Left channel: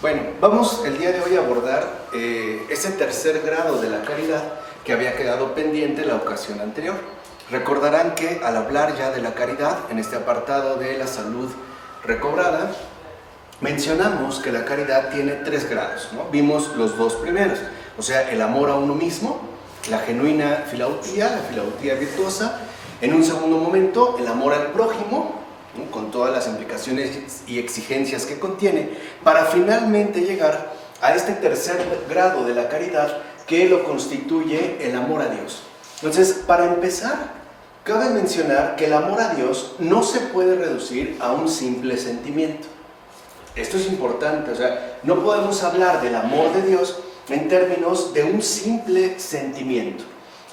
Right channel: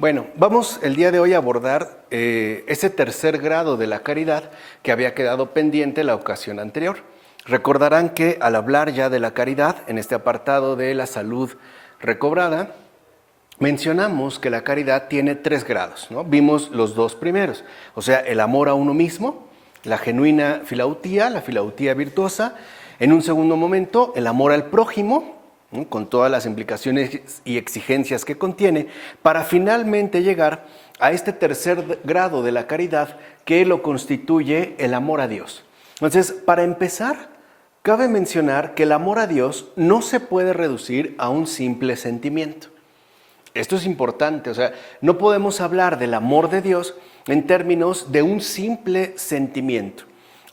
Bueno, vamos el día de hoy a abordar ese tercer grado de la caridad que había quedado pendiente la ocasión anterior. Recordarán que al hablar ya de la caridad, en este apartado de la salud recobrada, mencionamos que la caridad tiene tres grados, ¿no? Vimos los dos primeros, o sea, el amor a uno mismo, la genuina filautía, la filautía virtuosa. En un segundo momento, el amor al prójimo, ¿no? Con todas las implicaciones y exigencias que contiene, para finalmente llegar a este tercer grado de la caridad que lo constituye el amor a Dios. Entonces, para empezar, cabe mencionar que el amor a Dios no se puede reducir a un simple sentimiento. Esto es importante, o sea, no podemos hablar del amor de Dios en términos de un simple sentimiento,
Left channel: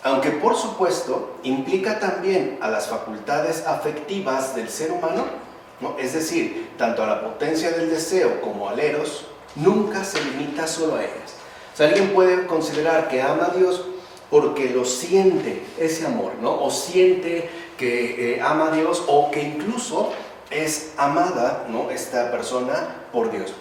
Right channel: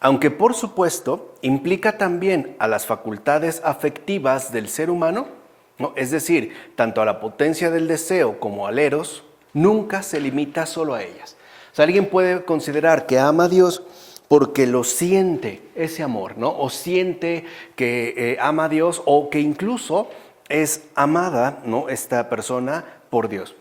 aunque por supuesto implica también a las facultades afectivas del ser humano, ¿no? Es decir, tanto a la potencia del deseo como al eros, nunca se limita solo a ellas. O sea, alguien puede considerar que ama a Dios porque lo siente ese amor, ¿no? O siente que ama a Dios, o que incluso es amada, ¿no?, esta persona por Dios.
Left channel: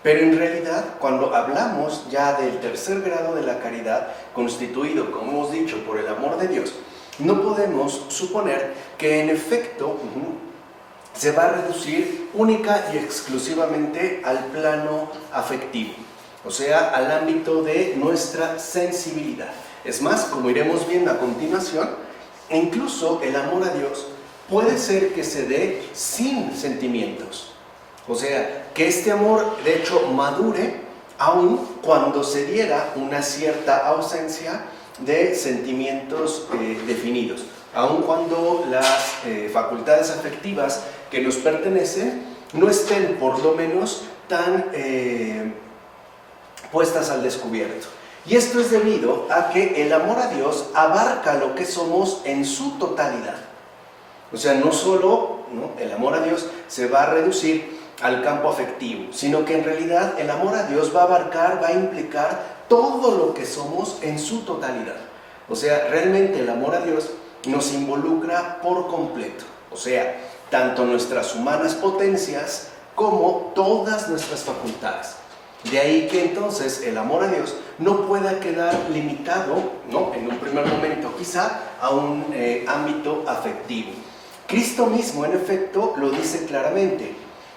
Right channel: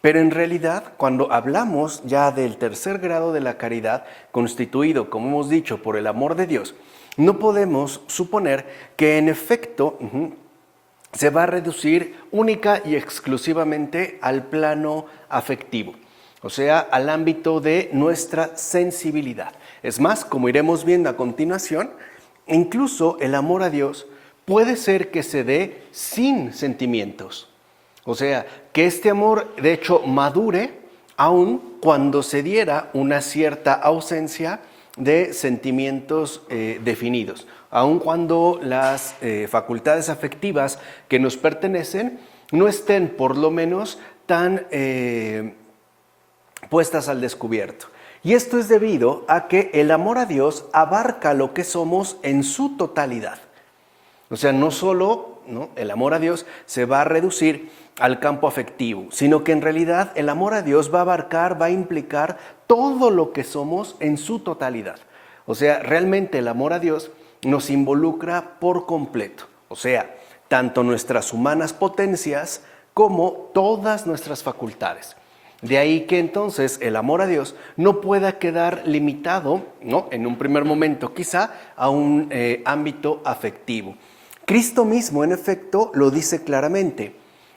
Pero en realidad, cuando hablamos ya del tercer grado de la caridad, constituido, como hemos dicho, por el amor de Dios, no podemos suponer que en efecto se va a reducir única y exclusivamente al plano afectivo, o sea, al ámbito de nuestra sensibilidad. Es más, como iremos viendo a continuación, incluso el amor a Dios puede ser que se dé sin sentimientos. O sea, que este amor de hecho madure aun cuando se diera una cierta ausencia de sentimientos definidos, aun cuando las facultades afectivas que nos pertenecen no estén por lo menos tan puestas al descubierto. Y esto es debido a que el amor a Dios abarca lo que somos en su totalidad. O sea, no solo, ¿no?, el amor a Dios se va a reducir al campo afectivo, sino que en realidad el amor a Dios va a abarcar, va a implicar todo lo que somos en su totalidad. O sea, realmente el amor a Dios nos involucra por completo. O sea, tanto nuestras humanas potencias como todas nuestras facultades. De ahí que entonces el amor a Dios no pueda quedar limitado, ¿no?, en un primer momento quizá a un ámbito afectivo. Cristo mismo, en efecto, lo dice claramente:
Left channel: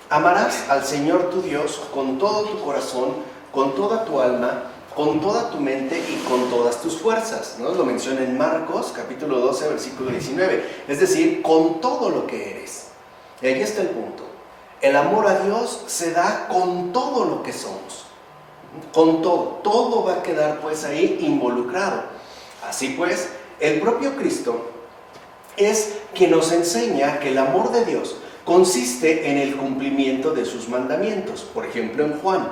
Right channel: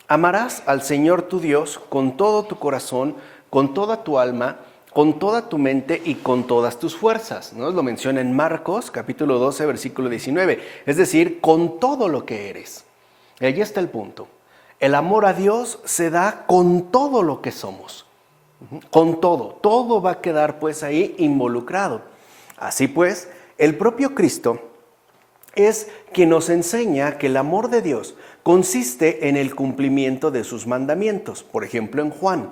amarás al Señor tu Dios con todo tu corazón, con toda tu alma, con toda tu mente y con todas tus fuerzas, ¿no? Lo menciona en Marcos, capítulo 12, versículo 19. Es decir, con todo lo que eres. Y ahí está el punto. El amor a Dios se da con todo lo que somos. Con todo. Todo va a quedar pues ahí involucrado. Así pues, el propio Cristo es quien nos enseña que el amor de Dios consiste en el cumplimiento de sus mandamientos. Por ejemplo, en Juan:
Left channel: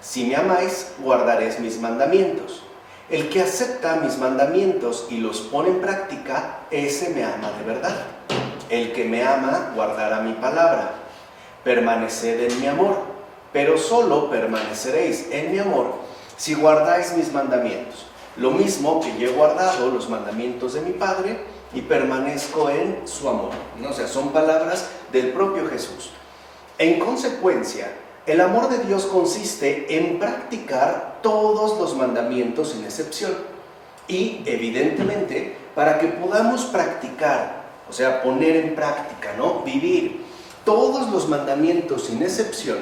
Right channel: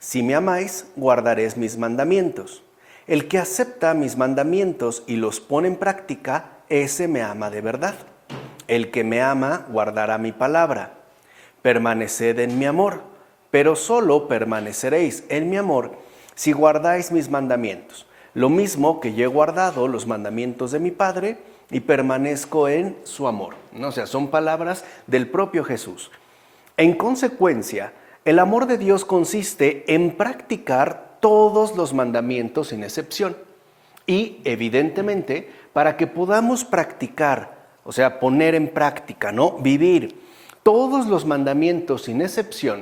si me amáis, guardaréis mis mandamientos. El que acepta mis mandamientos y los pone en práctica, ese me ama de verdad. El que me ama, guardará mi palabra. Permaneced en mi amor, pero solo permaneceréis en mi amor si guardáis mis mandamientos. Lo mismo que yo he guardado los mandamientos de mi Padre y permanezco en su amor, ¿no? O sea, son palabras del propio Jesús. En consecuencia, el amor de Dios consiste en practicar todos los mandamientos sin excepción. Y, evidentemente, para que podamos practicar, o sea, poner en práctica, ¿no?, vivir todos los mandamientos sin excepción,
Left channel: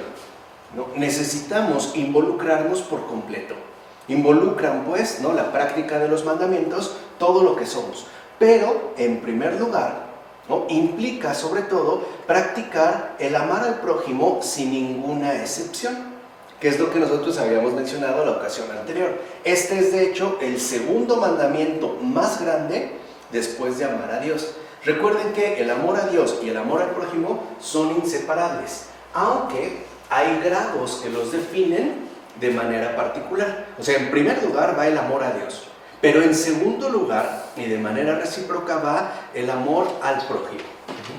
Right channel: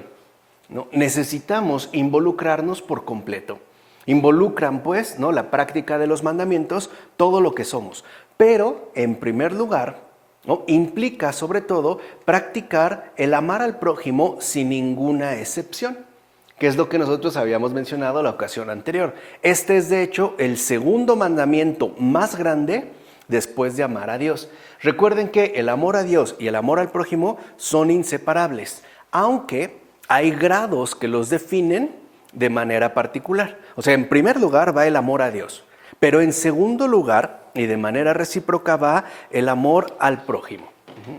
¿no?, necesitamos involucrarnos por completo. Involucran, pues, ¿no?, la práctica de los mandamientos, todo lo que somos. Pero, en primer lugar, ¿no?, implica sobre todo practicar el amar al prójimo sin ninguna excepción, que es lo que nosotros habíamos mencionado la ocasión anterior. Este es de hecho el segundo mandamiento más grande después de amar a Dios. Recuerden que el amor a Dios y el amor al prójimo son inseparables, aunque hay grados que los definen de manera particular. O sea, en primer lugar va el amor a Dios, pero en segundo lugar, y de manera recíproca, va el amor al prójimo.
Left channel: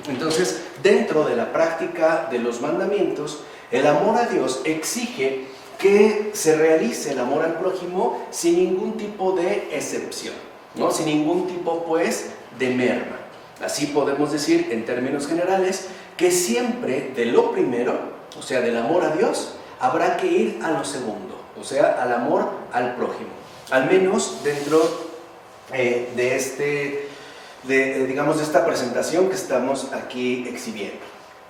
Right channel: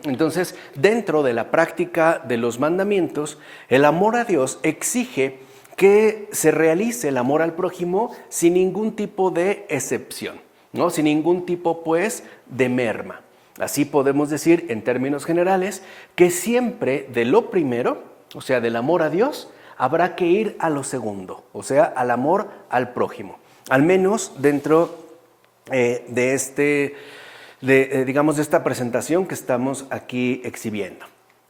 Entonces, dentro de la práctica de los mandamientos, el amor a Dios exige que se realice el amor al prójimo sin ningún tipo de excepción, ¿no?, sin ningún tipo, pues, de merma. Así podemos decir, en términos generales, que siempre de lo primero, o sea, del amor a Dios, habrá que ir a lo segundo, o sea, al amor al prójimo. Al menos dentro digamos, de esta presentación que estamos aquí exhibiendo.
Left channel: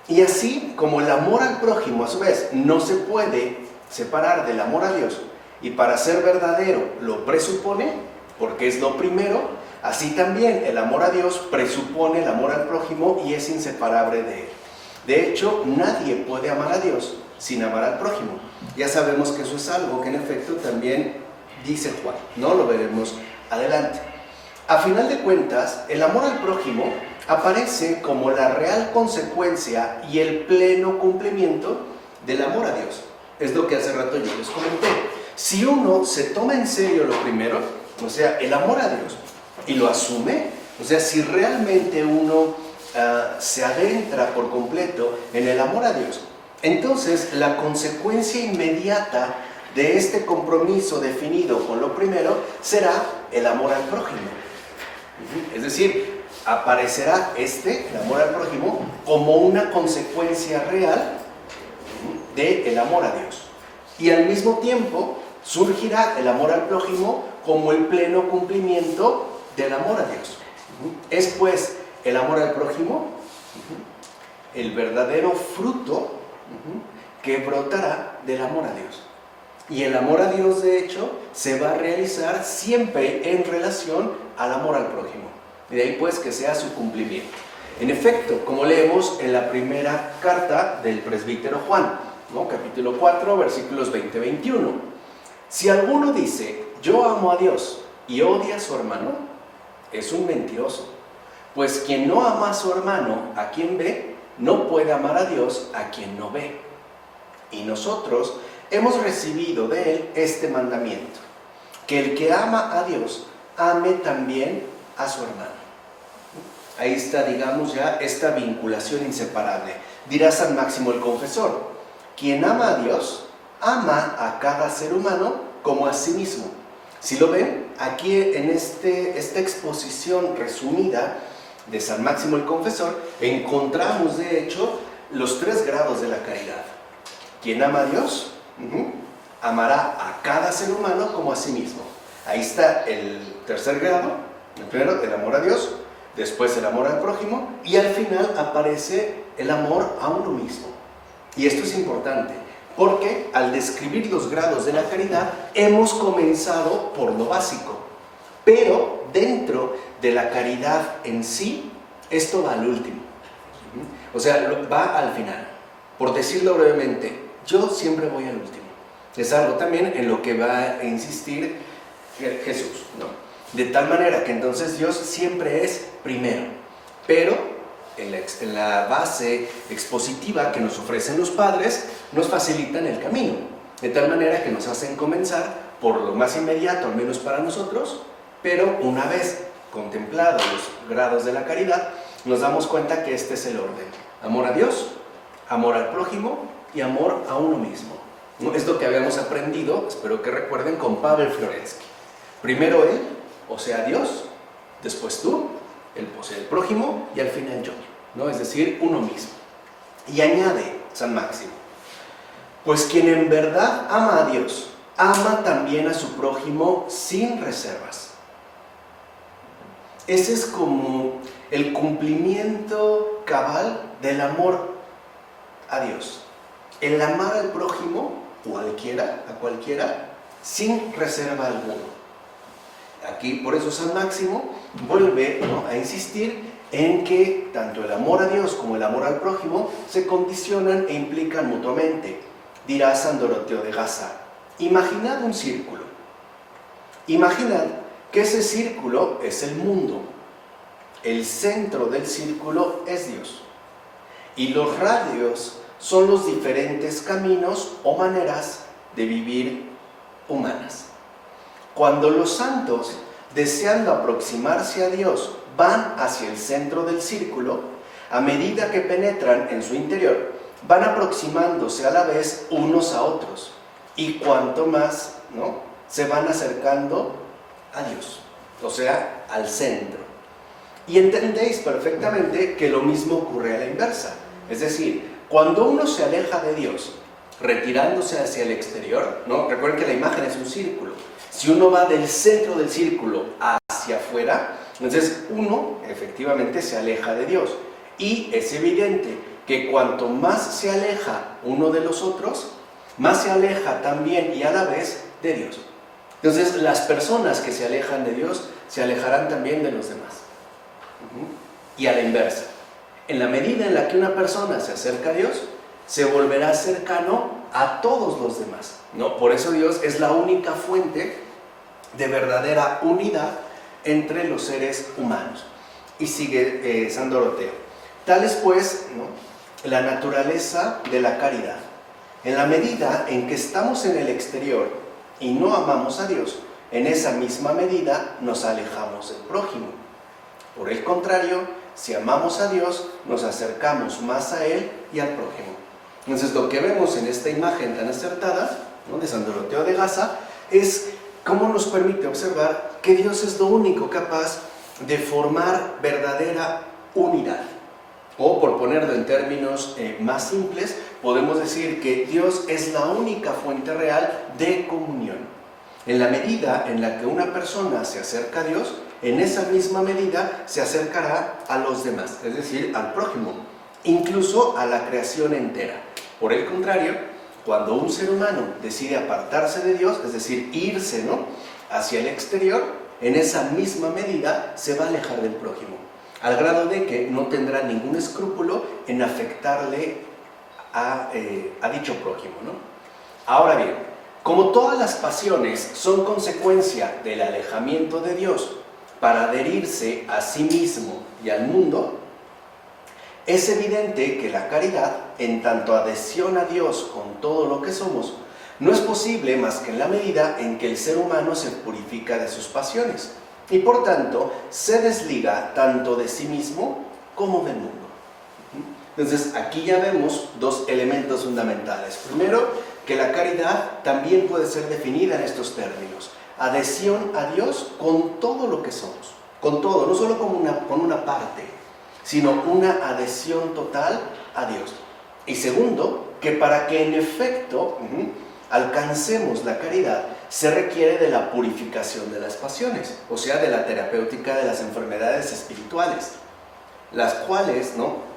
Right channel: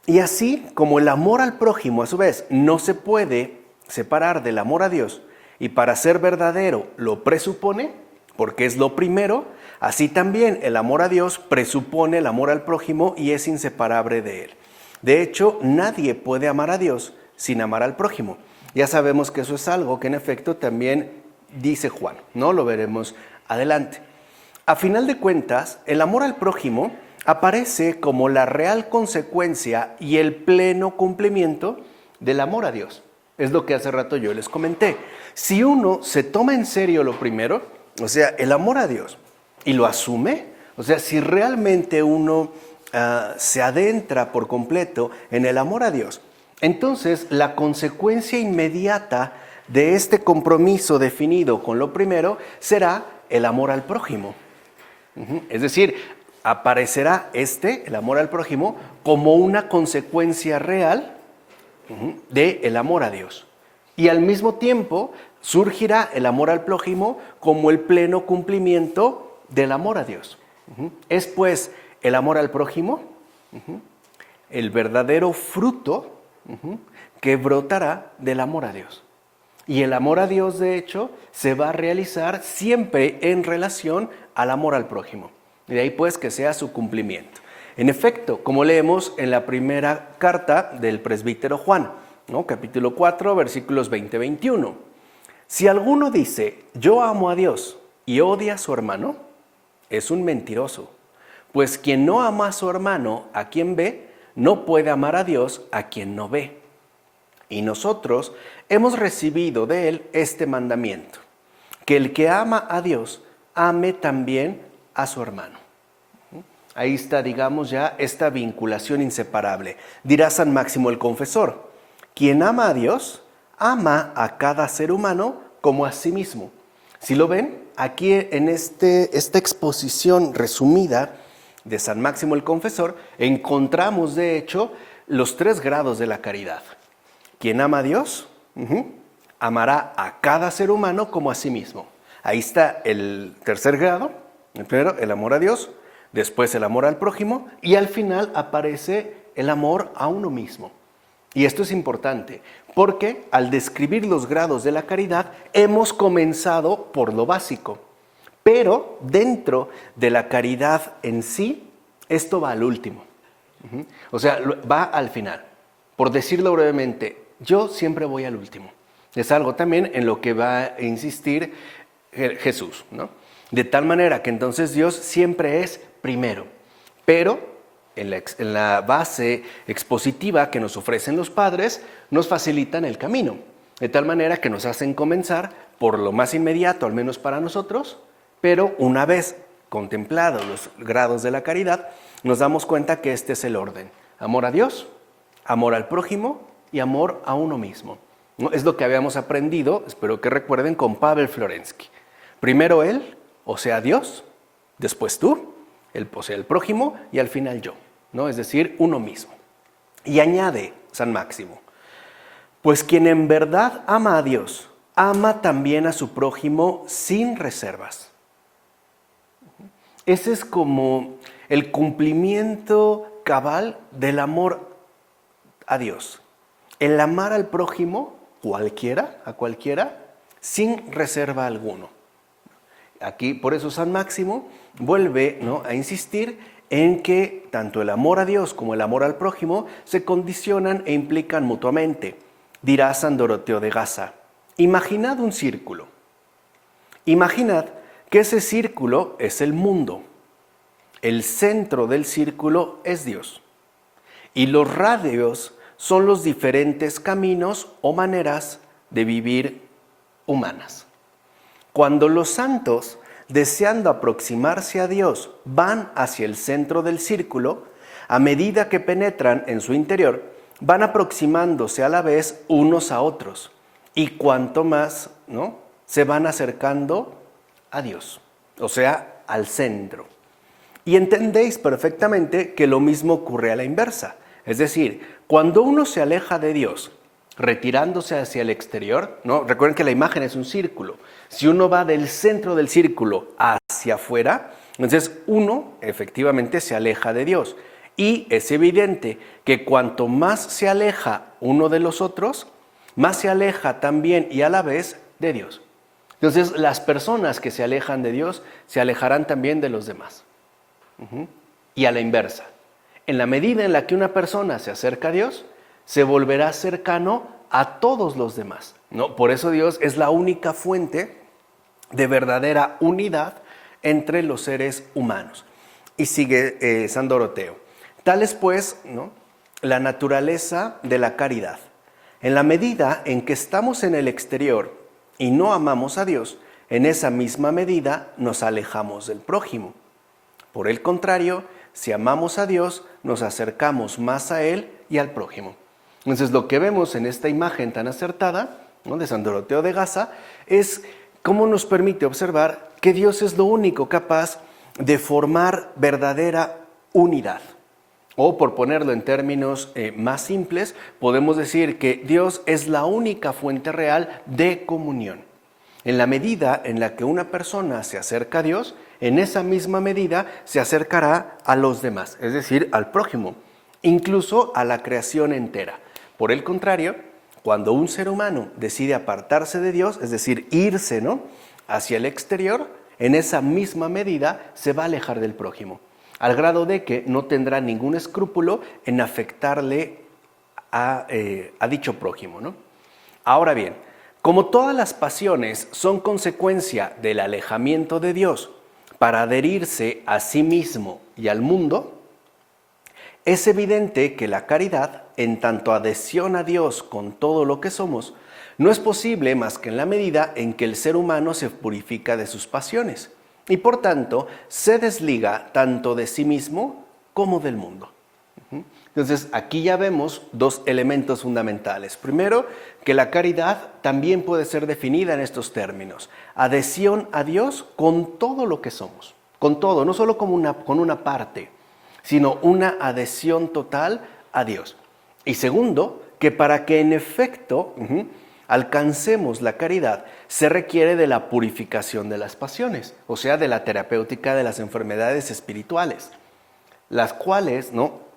Y así como el amor al prójimo, a su vez, no se puede separar del amor a Dios, y para ser verdadero lo presupone, porque es lo primero, así también el amor a Dios presupone el amor al prójimo y es inseparable de él. De hecho, nadie puede amar a Dios sin amar al prójimo. Ya sabemos que eso es algo que en efecto también dice Juan, ¿no? Lo veremos adelante. A final de cuentas, el amor al prójimo aparece como la real consecuencia y el pleno cumplimiento del amor a Dios. Es lo que hace rato yo les comenté. Si uno se toma en serio lo primero, o sea, el amor a Dios, y lo asume, o sea, si realmente uno se adentra por completo en el amor a Dios, entonces la consecuencia inmediata de este compromiso definido con lo primero será el amor al prójimo. Es decir, aparecerá el amor al prójimo, como una consecuencia real del amor a Dios. Y al mismo tiempo surgirá el amor al prójimo como el pleno cumplimiento del amor a Dios. Es pues el amor al prójimo el verdadero fruto que brotará del amor a Dios. Y el amor a Dios, de hecho, se va a realizar siempre en relación al amor al prójimo. De ahí pues que sea su cumplimiento. En efecto, como leemos en la primera carta del presbítero Juan, ¿no? Capítulo 4, versículos 20-21. Si alguno dice, yo amo a Dios y odia a su hermano, es un mentiroso. Pues quien no ama a su hermano, a quien ve, no puede amar a Dios a quien no ve. Y nosotros hemos recibido de él este mandamiento, que el que ama a Dios, ame también a su hermano. Ahí está, digamos, ya esta vinculación inseparable. Dirá San Máximo el Confesor, quien ama a Dios, ama a cada ser humano como a sí mismo. Si lo ven, aquí en esta exposición resumida de San Máximo el Confesor, encontramos de hecho los 3 grados de la caridad. Quien ama a Dios, amará a cada ser humano como a sí mismo. Ahí está el tercer grado, el primero, el amor a Dios, después el amor al prójimo, y al final aparece el amor a uno mismo. Y esto es importante, porque al describir los grados de la caridad, hemos comenzado por lo básico. Pero dentro de la caridad en sí, esto va al último. O sea, va al final. Por decirlo brevemente, yo siempre voy al último. Es algo también en lo que va a insistir Jesús, ¿no? De tal manera que entonces Dios siempre es primero. Pero en la base expositiva que nos ofrecen los padres, nos facilitan el camino. De tal manera que nos hacen comenzar por lo más inmediato, al menos para nosotros, pero una vez contemplados los grados de la caridad, nos damos cuenta que este es el orden. Amor a Dios, amor al prójimo y amor a uno mismo. ¿No? Es lo que habíamos aprendido, espero que recuerden, con Pavel Florensky. Primero él, o sea Dios, después tú, o sea el prójimo, y al final yo, ¿no? Es decir, uno mismo. Y añade San Máximo, pues quien en verdad ama a Dios, ama también a su prójimo sin reservas. Ese es como el cumplimiento cabal del amor a Dios. El amar al prójimo, a cualquiera, sin reserva alguno. Aquí, por eso San Máximo vuelve, ¿no?, a insistir en que tanto el amor a Dios como el amor al prójimo se condicionan e implican mutuamente. Dirá San Doroteo de Gaza, imaginad un círculo. Imaginad que ese círculo es el mundo. El centro del círculo es Dios. Y los radios son los diferentes caminos o maneras de vivir humanas. Cuando los santos, deseando aproximarse a Dios, van hacia el centro del círculo, a medida que penetran en su interior, van aproximándose a la vez unos a otros. Y cuanto más, ¿no?, se van acercando a Dios, o sea, al centro. Y entendéis perfectamente que lo mismo ocurre a la inversa. Es decir, cuando uno se aleja de Dios retirándose hacia el exterior, ¿no? Recuerden que la imagen es un círculo. Si uno va del centro del círculo hacia afuera, entonces uno efectivamente se aleja de Dios. Y es evidente que cuanto más se aleja uno de los otros, más se aleja también y a la vez de Dios. Entonces las personas que se alejan de Dios se alejarán también de los demás. Y a la inversa. En la medida en la que una persona se acerca a Dios, se volverá cercano a todos los demás, ¿no? Por eso Dios es la única fuente de verdadera unidad entre los seres humanos. Y sigue San Doroteo. Tal es pues, ¿no?, la naturaleza de la caridad. En la medida en que estamos en el exterior y no amamos a Dios, en esa misma medida nos alejamos del prójimo. Por el contrario, si amamos a Dios, nos acercamos más a Él y al prójimo. Entonces, lo que vemos en esta imagen tan acertada, ¿no?, de San Doroteo de Gaza, es cómo nos permite observar que Dios es lo único capaz de formar verdadera unidad. O, por ponerlo en términos más simples, podemos decir que Dios es la única fuente real de comunión. En la medida en la que una persona se acerca a Dios, en esa misma medida se acercará a los demás, es decir, al prójimo, incluso a la creación entera. Por el contrario, cuando un ser humano decide apartarse de Dios, es decir, irse, ¿no?, hacia el exterior, en esa misma medida se va a alejar del prójimo, al grado de que no tendrá ningún escrúpulo en afectarle a dicho prójimo, ¿no? Ahora bien, como todas las pasiones son consecuencia del alejamiento de Dios para adherirse a sí mismo y al mundo, es evidente que la caridad, en tanto adhesión a Dios con todo lo que somos, no es posible más que en la medida en que el ser humano se purifica de sus pasiones y por tanto se desliga tanto de sí mismo como del mundo. Entonces aquí ya vemos dos elementos fundamentales. Primero, que la caridad también puede ser definida en estos términos: adhesión a Dios con todo lo que somos, con todo, no solo con una parte, sino una adhesión total a Dios. Y segundo, que para que en efecto alcancemos la caridad, se requiere de la purificación de las pasiones, o sea, de la terapéutica de las enfermedades espirituales, las cuales, ¿no?,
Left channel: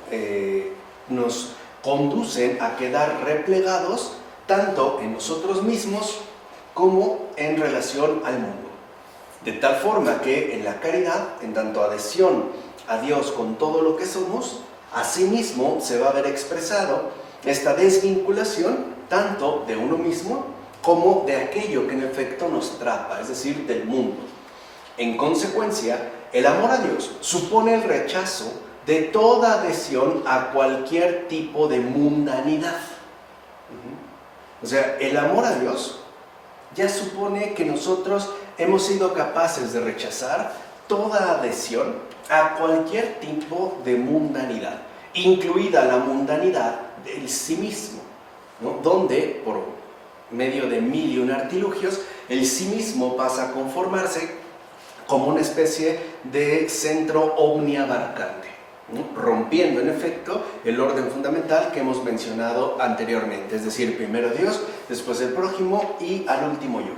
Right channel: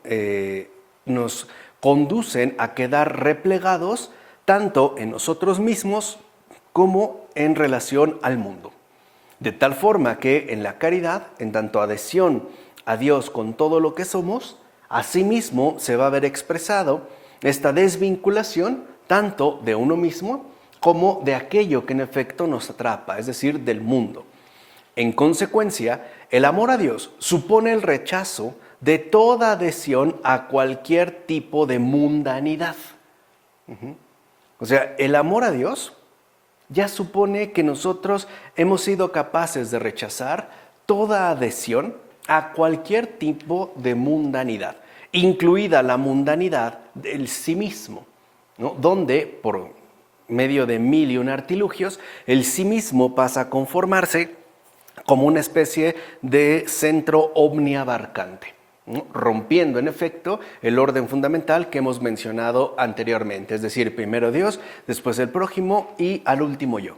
nos conducen a quedar replegados tanto en nosotros mismos como en relación al mundo. De tal forma que en la caridad, en tanto adhesión a Dios con todo lo que somos, asimismo se va a ver expresado esta desvinculación tanto de uno mismo como de aquello que en efecto nos atrapa, es decir, del mundo. En consecuencia, el amor a Dios supone el rechazo de toda adhesión a cualquier tipo de mundanidad. O sea, el amor a Dios ya supone que nosotros hemos sido capaces de rechazar toda adhesión a cualquier tipo de mundanidad, incluida la mundanidad del sí mismo, ¿no?, donde, por medio de mil y un artilugios, el sí mismo pasa a conformarse como una especie de centro omniabarcante, ¿no?, rompiendo en efecto el orden fundamental que hemos mencionado anteriormente, es decir, primero Dios, después el prójimo y al último yo.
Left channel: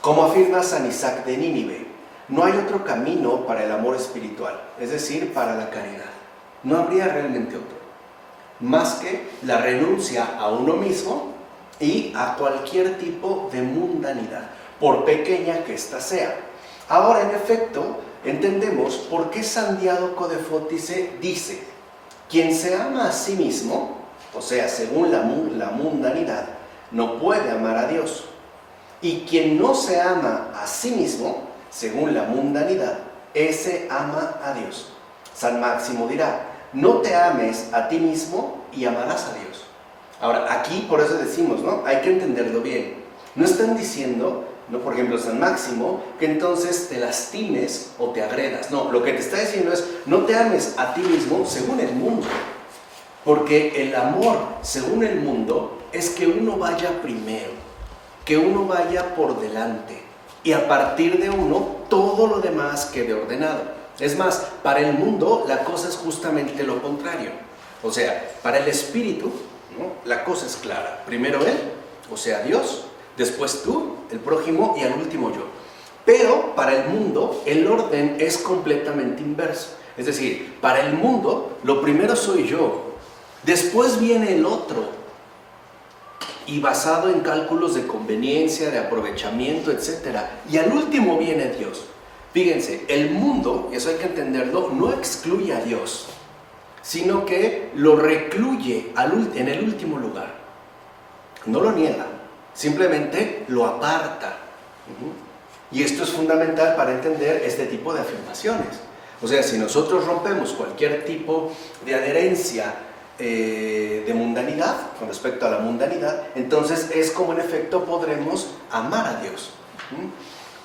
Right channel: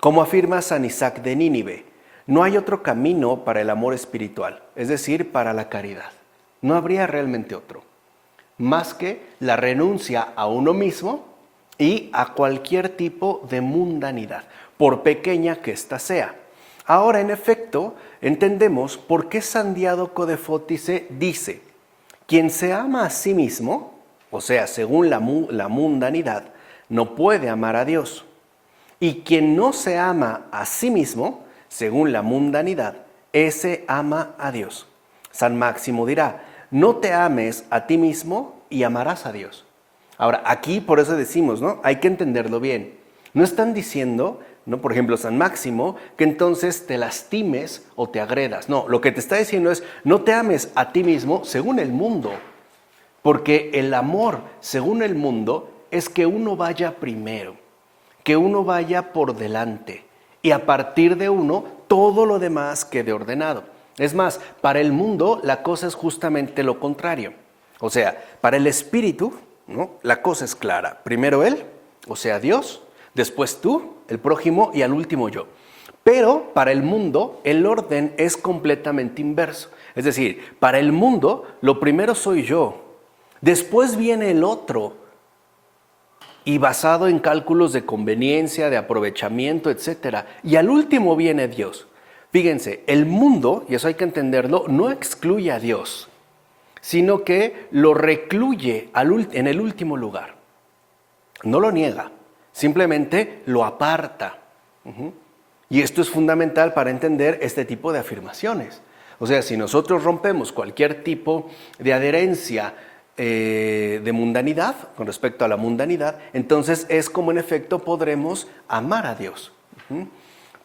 Como afirma San Isaac de Nínive, no hay otro camino para el amor espiritual, es decir, para la caridad. No habría realmente otro, más que la renuncia a uno mismo y a cualquier tipo de mundanidad, por pequeña que ésta sea. Ahora, en efecto, entendemos por qué San Diádoco de Fótice dice: quien se ama a sí mismo, o sea, según la mundanidad, no puede amar a Dios. Y quien no se ama a sí mismo, según la mundanidad, ese ama a Dios. San Máximo dirá: no te ames a ti mismo y amarás a Dios. Ahora, aquí por eso decimos, ¿no?, hay que entenderlo bien. No están diciendo, ¿no?, por ejemplo, San Máximo, que entonces te lastimes o te agredas. No, lo que te está diciendo es: no te ames a ti mismo según el mundo. Porque el amor según el mundo es que uno vaya primero, que uno vaya por delante, y a partir de uno todo lo demás quede ordenado. Es más, para el mundo la cosa es justamente lo contrario. O sea, para el espíritu, ¿no? La cosa es clara. Primero Él, o sea Dios, después tú, el prójimo y al último yo. Pero para el mundo el orden es completamente inverso. Es decir, para el mundo lo primero soy yo, después viene el otro y basado en cálculos de conveniencia, de aprovechamiento, etc. Y al último viene Dios. Fíjense, el mundo, y eso hay que entenderlo, no excluye a Dios, sino que lo recluye en el último lugar. No lo niega, simplemente lo aparta. Y esto es fundamental para entender este tipo de afirmaciones. O sea, si nosotros rompemos cualquier tipo de adherencia de mundanidad, con respecto a la mundanidad, entonces es como en efecto podremos amar a Dios.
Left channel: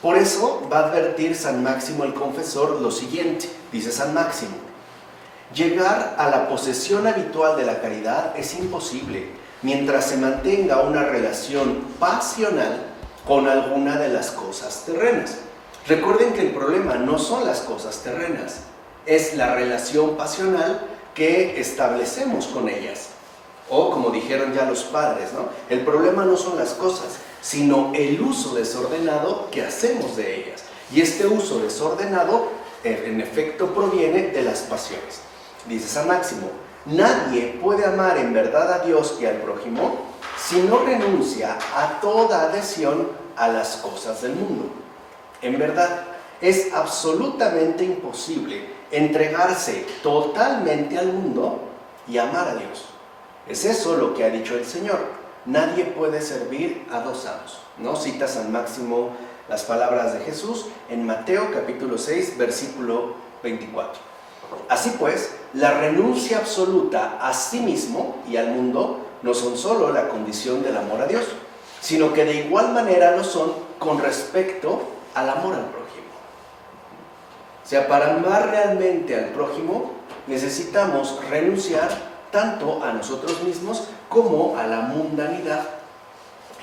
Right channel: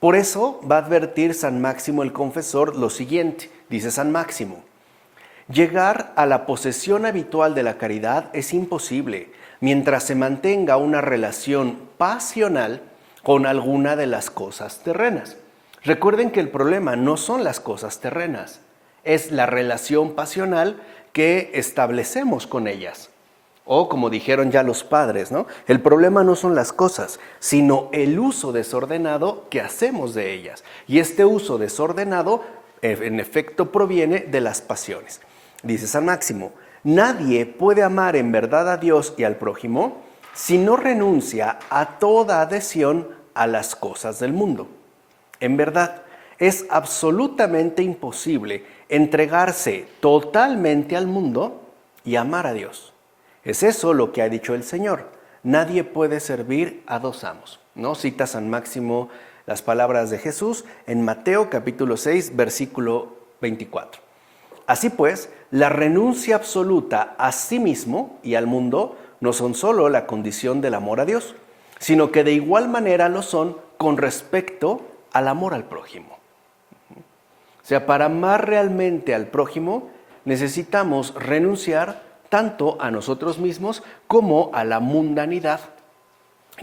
Por eso va a advertir San Máximo el Confesor lo siguiente, dice San Máximo: llegar a la posesión habitual de la caridad es imposible mientras se mantenga una relación pasional con alguna de las cosas terrenas. Recuerden que el problema no son las cosas terrenas, es la relación pasional que establecemos con ellas. O como dijeron ya los padres, ¿no? El problema no son las cosas, sino el uso desordenado que hacemos de ellas. Y este uso desordenado, en efecto, proviene de las pasiones. Dice San Máximo: nadie puede amar en verdad a Dios y al prójimo si no renuncia a toda adhesión a las cosas del mundo. En verdad, es absolutamente imposible entregarse totalmente al mundo y amar a Dios. Es eso lo que ha dicho el Señor: nadie puede servir a dos amos, ¿no? Cita San Máximo las palabras de Jesús en Mateo capítulo 6, versículo 24. Así pues, la renuncia absoluta a sí mismo y al mundo no son solo la condición del amor a Dios, sino que de igual manera lo son con respecto al amor al prójimo. O sea, para amar realmente al prójimo necesitamos renunciar tanto a nosotros mismos como a la mundanidad,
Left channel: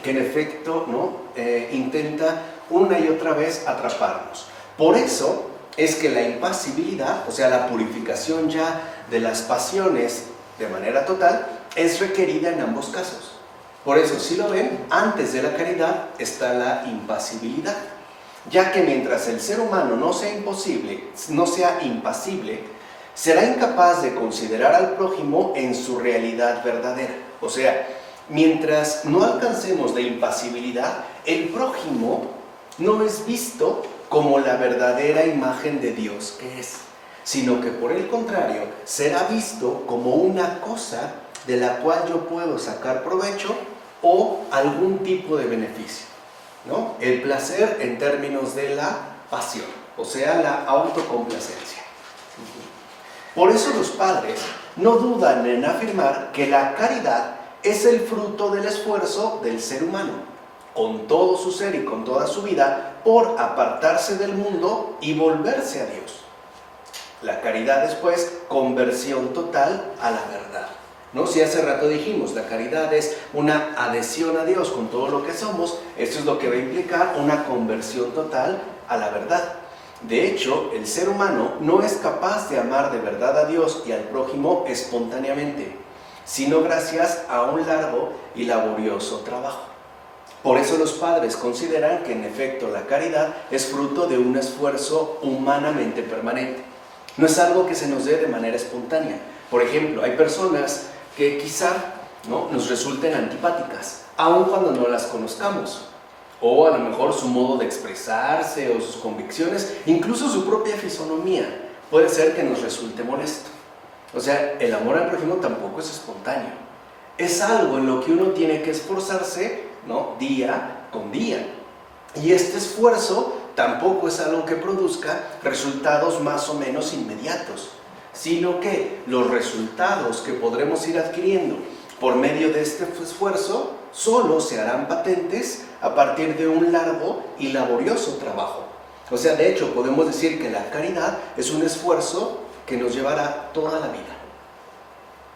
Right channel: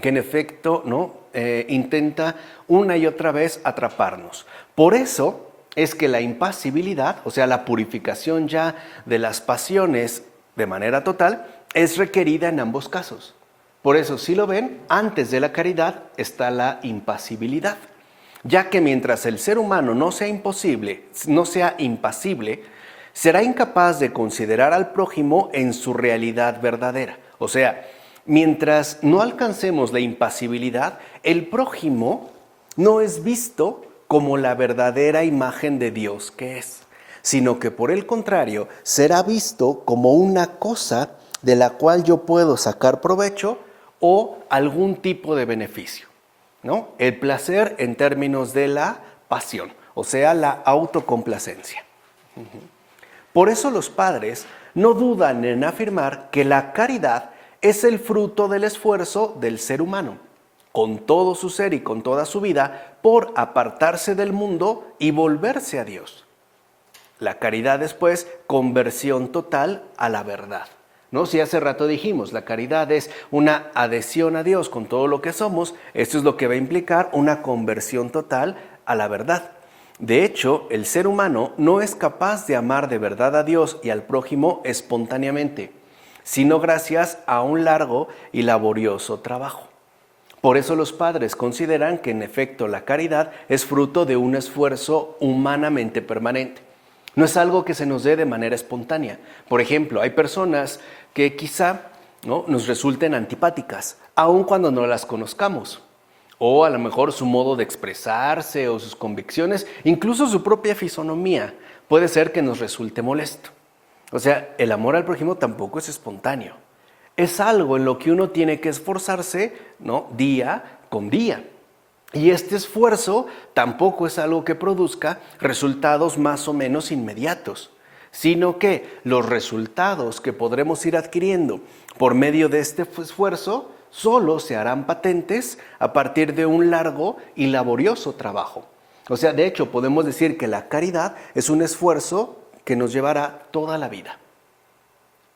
que en efecto, ¿no? Intenta una y otra vez atraparnos. Por eso es que la impasibilidad, o sea, la purificación ya de las pasiones de manera total, es requerida en ambos casos. Por eso, si lo ven, antes de la caridad está la impasibilidad, ya que mientras el ser humano no sea impasible, será incapaz de considerar al prójimo en su realidad verdadera. O sea, mientras no alcancemos la impasibilidad, el prójimo no es visto como la verdadera imagen de Dios que es, sino que por el contrario, será visto como una cosa de la cual yo puedo sacar provecho o algún tipo de beneficio, ¿no? El placer en términos de la pasión, o sea, la autocomplacencia. Por eso los padres no dudan en afirmar que la caridad es el fruto del esfuerzo del ser humano, con todo su ser y con toda su vida, por apartarse del mundo y volverse a Dios. La caridad es, pues, conversión total a la verdad, ¿no? Si hace rato dijimos, la caridad es una adhesión a Dios con todo lo que somos, esto es lo que va a implicar una conversión total a la verdad. De hecho, el ser humano no es capaz de amar de verdad a Dios y al prójimo espontáneamente, sino gracias a un largo y laborioso trabajo. Por eso los padres consideran que en efecto la caridad es fruto de un esfuerzo humanamente permanente. No es algo que se nos dé de manera espontánea. Por ejemplo, hay personas que quizá, ¿no?, nos resulten antipáticas, aun cuando no las conozcamos. O a lo mejor su modo de expresarse o sus convicciones, incluso su propia fisonomía, puede ser que nos resulte molesto. O sea, el amor al prójimo tampoco es espontáneo. Es algo en lo que uno tiene que esforzarse, ¿no?, día con día. Y este esfuerzo tampoco es algo que produzca resultados más o menos inmediatos, sino que los resultados que podremos ir adquiriendo por medio de este esfuerzo solo se harán patentes a partir de un largo y laborioso trabajo. O sea, de hecho, podemos decir que la caridad es un esfuerzo que nos llevará toda la vida.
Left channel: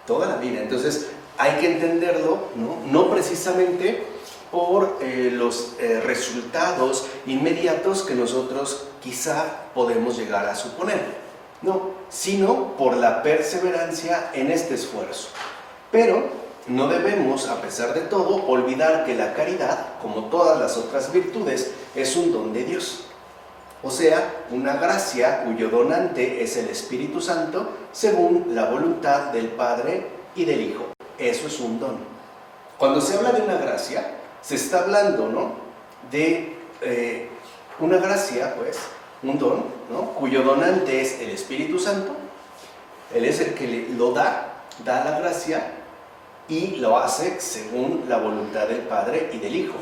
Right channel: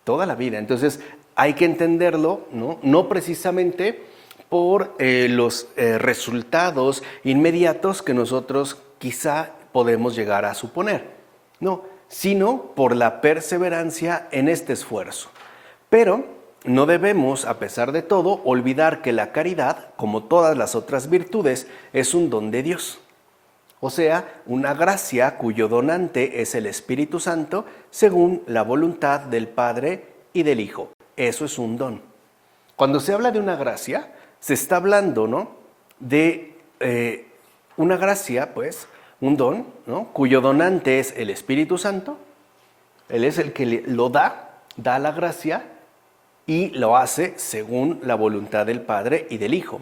Toda la vida. Entonces, hay que entenderlo, no precisamente por los resultados inmediatos que nosotros quizá podemos llegar a suponer, no, sino por la perseverancia en este esfuerzo. Pero no debemos, a pesar de todo, olvidar que la caridad, como todas las otras virtudes, es un don de Dios. O sea, una gracia cuyo donante es el Espíritu Santo, según la voluntad del Padre y del Hijo. Eso es un don. Cuando se habla de una gracia, se está hablando, ¿no?, de una gracia, pues, un don, ¿no?, cuyo donante es el Espíritu Santo. Él es el que lo da la gracia y lo hace según la voluntad del Padre y del Hijo.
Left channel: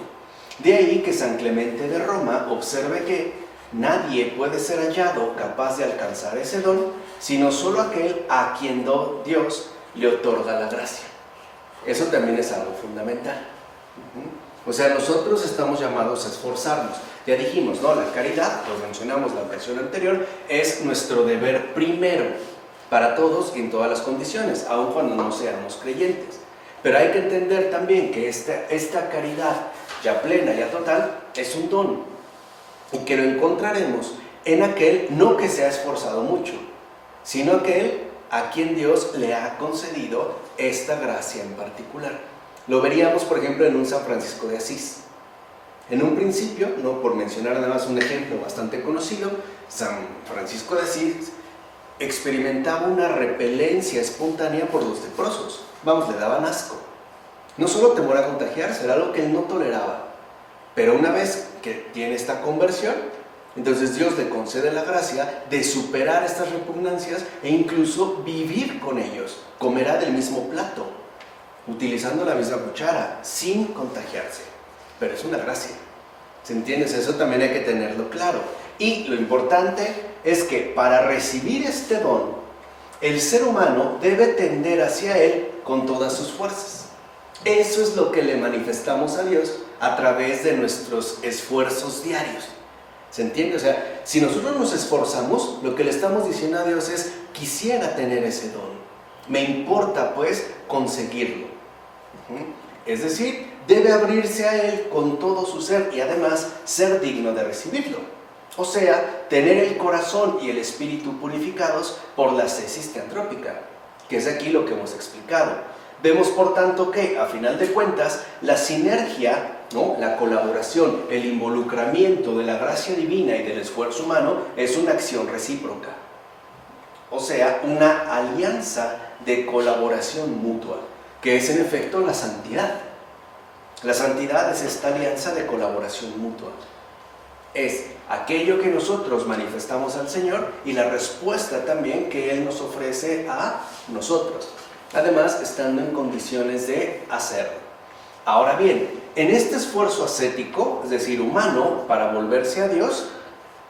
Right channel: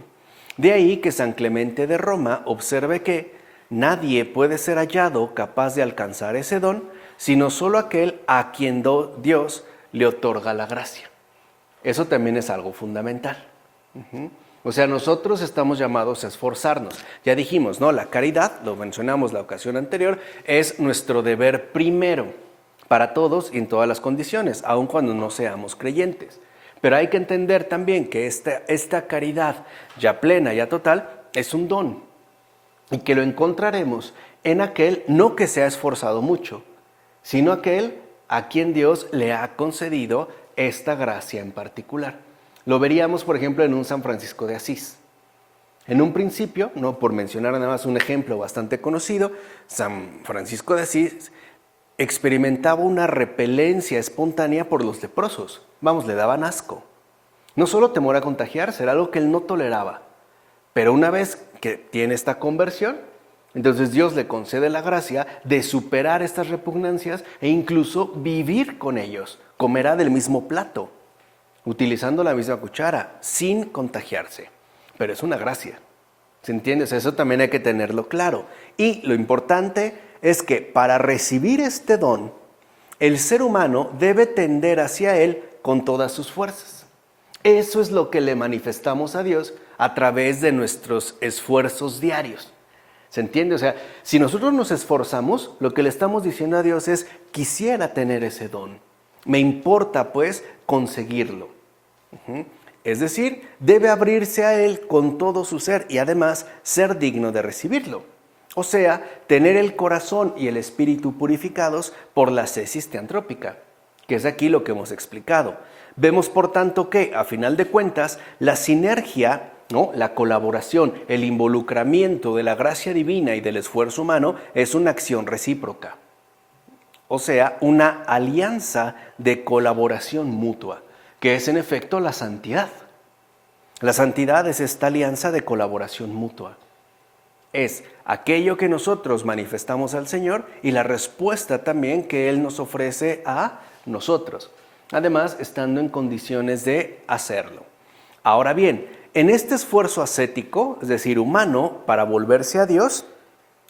De ahí que San Clemente de Roma observe que nadie puede ser hallado capaz de alcanzar ese don, sino solo aquel a quien Dios le otorga la gracia. Eso también es algo fundamental. O sea, nosotros estamos llamados a esforzarnos. Ya dijimos, ¿no? La caridad, lo mencionamos la ocasión anterior, es nuestro deber primero para todos y en todas las condiciones, aun cuando no seamos creyentes. Pero hay que entender también que esta caridad ya plena, ya total, es un don y que lo encontraremos en aquel no que se ha esforzado mucho, sino aquel a quien Dios le ha concedido esta gracia en particular. Lo veríamos, por ejemplo, en un San Francisco de Asís. En un principio, no por mencionar además un ejemplo bastante conocido, San Francisco de Asís experimentaba una repelencia espontánea por los leprosos. Vamos, le daban asco. No solo temor a contagiarse, era algo que él no toleraba. Pero una vez que tiene esta conversión, entonces Dios le concede la gracia de superar estas repugnancias e incluso vivir con ellos. Comerá del mismo plato, utilizando la misma cuchara, sin contagiarse. Pero es una gracia. ¿Se entiende? O sea, eso también hay que tenerlo claro. Y lo importante es que para recibir este don, el ser humano debe tender hacia él con todas sus fuerzas. Eso es lo que le manifestamos a Dios a través de nuestros esfuerzos diarios. ¿Se entiende? O sea, si nosotros nos esforzamos, lo que le estamos diciendo a Dios es: quisiera tener ese don. Me importa, pues, conseguirlo. Es decir, debe abrirse a Él con todo su ser y además ser digno de recibirlo. O sea, tener el corazón y el espíritu purificados por la ascesis teantrópica, que es aquí lo que hemos explicado. Vemos, por tanto, que, a final de cuentas, la sinergia, ¿no?, la colaboración, el involucramiento de la gracia divina y del esfuerzo humano es una acción recíproca. O sea, una alianza de colaboración mutua, que es en efecto la santidad. La santidad es esta alianza de colaboración mutua. Es aquello que nosotros manifestamos al Señor y la respuesta también que Él nos ofrece a nosotros. Además, estando en condiciones de hacerlo. Ahora bien, en este esfuerzo ascético, es decir, humano, para volverse a Dios,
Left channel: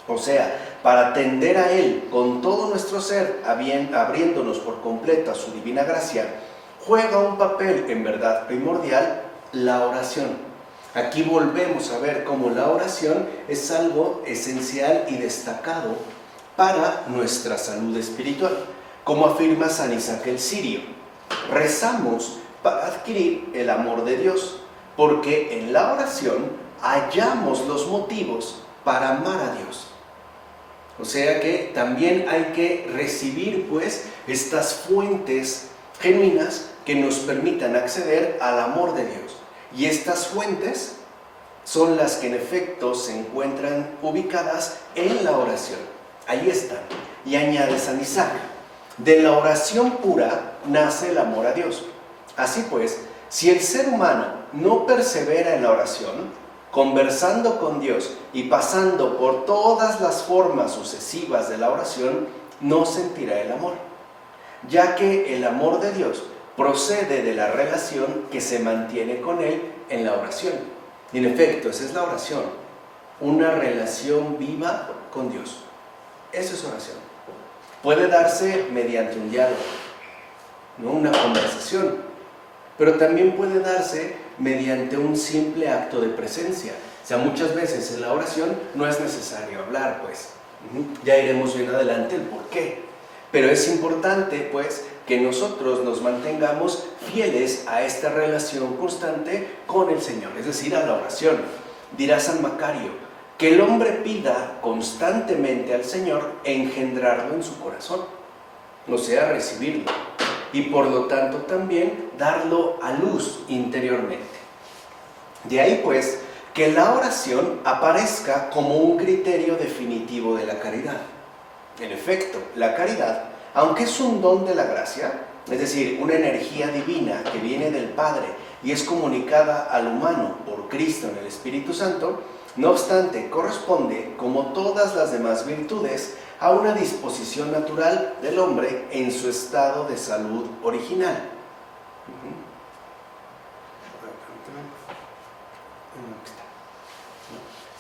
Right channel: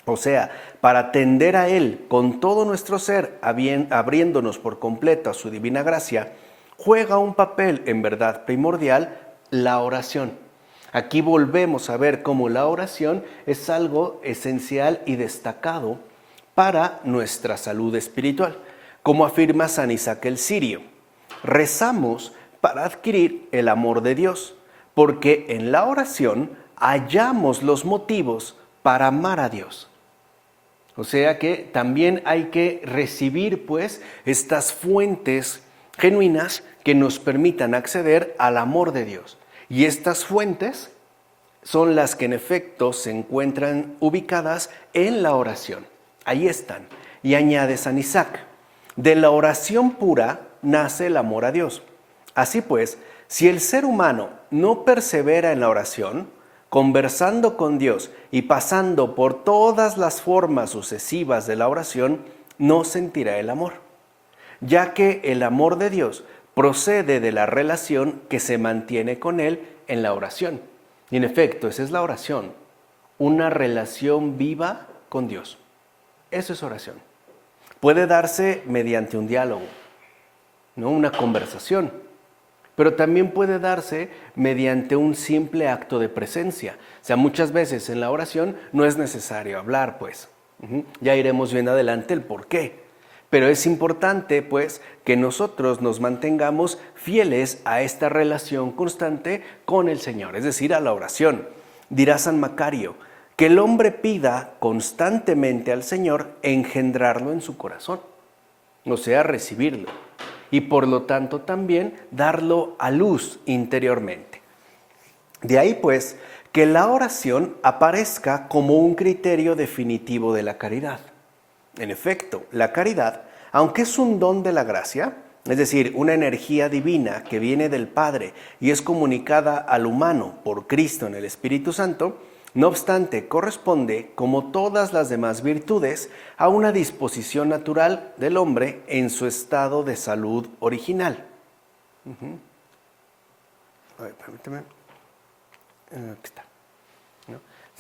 o sea, para tender a Él con todo nuestro ser, abriéndonos por completo a su divina gracia, juega un papel en verdad primordial la oración. Aquí volvemos a ver cómo la oración es algo esencial y destacado para nuestra salud espiritual. Como afirma San Isaac el Sirio, rezamos para adquirir el amor de Dios, porque en la oración hallamos los motivos para amar a Dios. O sea que también hay que recibir, pues, estas fuentes genuinas que nos permitan acceder al amor de Dios. Y estas fuentes son las que en efecto se encuentran ubicadas en la oración. Ahí están. Y añade San Isaac: de la oración pura nace el amor a Dios. Así pues, si el ser humano no persevera en la oración, conversando con Dios y pasando por todas las formas sucesivas de la oración, no sentirá el amor, ya que el amor de Dios procede de la relación que se mantiene con Él en la oración. Y en efecto, esa es la oración, una relación viva con Dios. Eso es oración. Puede darse mediante un diálogo, ¿no?, una conversación, pero también puede darse mediante un simple acto de presencia. O sea, muchas veces en la oración no es necesario hablar, pues. Ya iremos bien adelante el por qué. Pero es importante, pues, que nosotros nos mantengamos fieles a esta relación constante con el Señor, es decir, a la oración. Dirá San Macario, que el hombre pida constantemente al Señor engendrarlo en su corazón, o sea, recibirlo. y por lo tanto también darlo a luz interiormente. De ahí pues que la oración aparezca como un criterio definitivo de la caridad. En efecto, la caridad, aunque es un don de la gracia, es decir, una energía divina que viene del Padre y es comunicada al humano por Cristo en el Espíritu Santo, no obstante, corresponde, como todas las demás virtudes, a una disposición natural del hombre en su estado de salud original.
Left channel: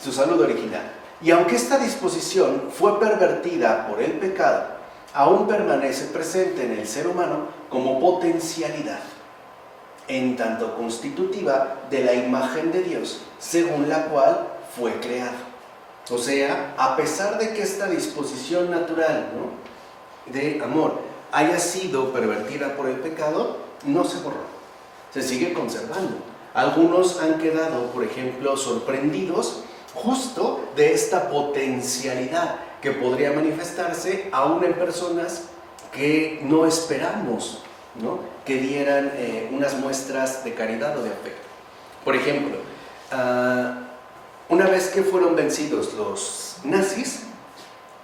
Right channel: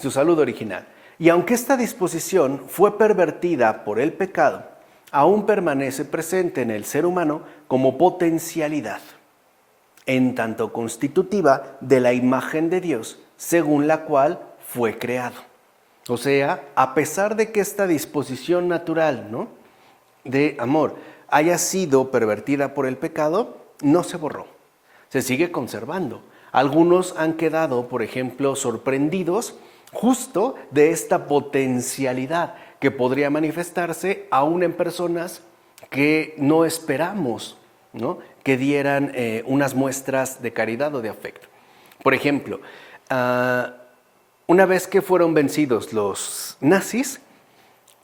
Su salud original. Y aunque esta disposición fue pervertida por el pecado, aún permanece presente en el ser humano como potencialidad, en tanto constitutiva de la imagen de Dios, según la cual fue creado. O sea, a pesar de que esta disposición natural, ¿no?, de amor haya sido pervertida por el pecado, no se borró, se sigue conservando. Algunos han quedado, por ejemplo, sorprendidos justo de esta potencialidad que podría manifestarse aún en personas que no esperamos, ¿no?, que dieran unas muestras de caridad o de afecto. Por ejemplo, una vez que fueron vencidos los nazis,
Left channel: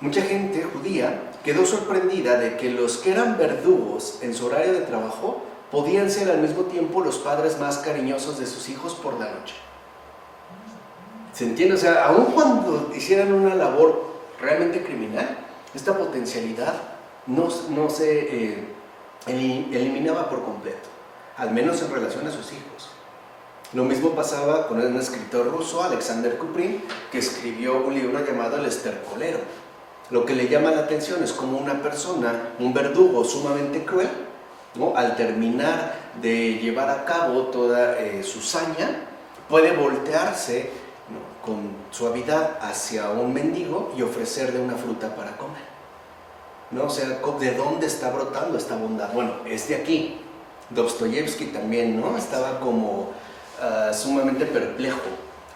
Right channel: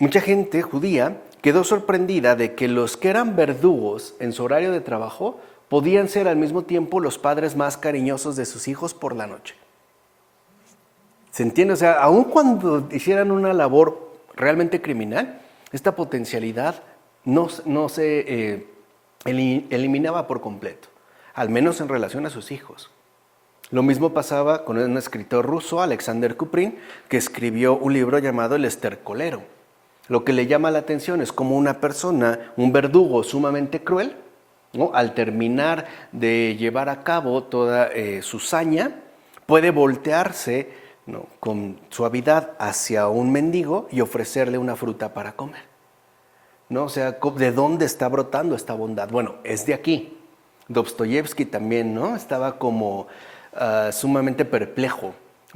mucha gente judía quedó sorprendida de que los que eran verdugos en su horario de trabajo podían ser al mismo tiempo los padres más cariñosos de sus hijos por la noche. ¿Se entiende? O sea, aun cuando hicieran una labor realmente criminal, esta potencialidad no se eliminaba por completo, al menos en relación a sus hijos. Lo mismo pasaba con un escritor ruso, Alexander Kuprin, que escribió un libro llamado El estercolero. Lo que le llama la atención es como una persona, un verdugo sumamente cruel, ¿no?, al terminar de llevar a cabo toda su saña, puede voltearse, ¿no?, con suavidad hacia un mendigo y ofrecerle una fruta para comer, ¿no? O sea, ¿de dónde está brotando esta bondad? Bueno, es de aquí. Dostoyevsky también, ¿no?, estaba como sumamente perplejo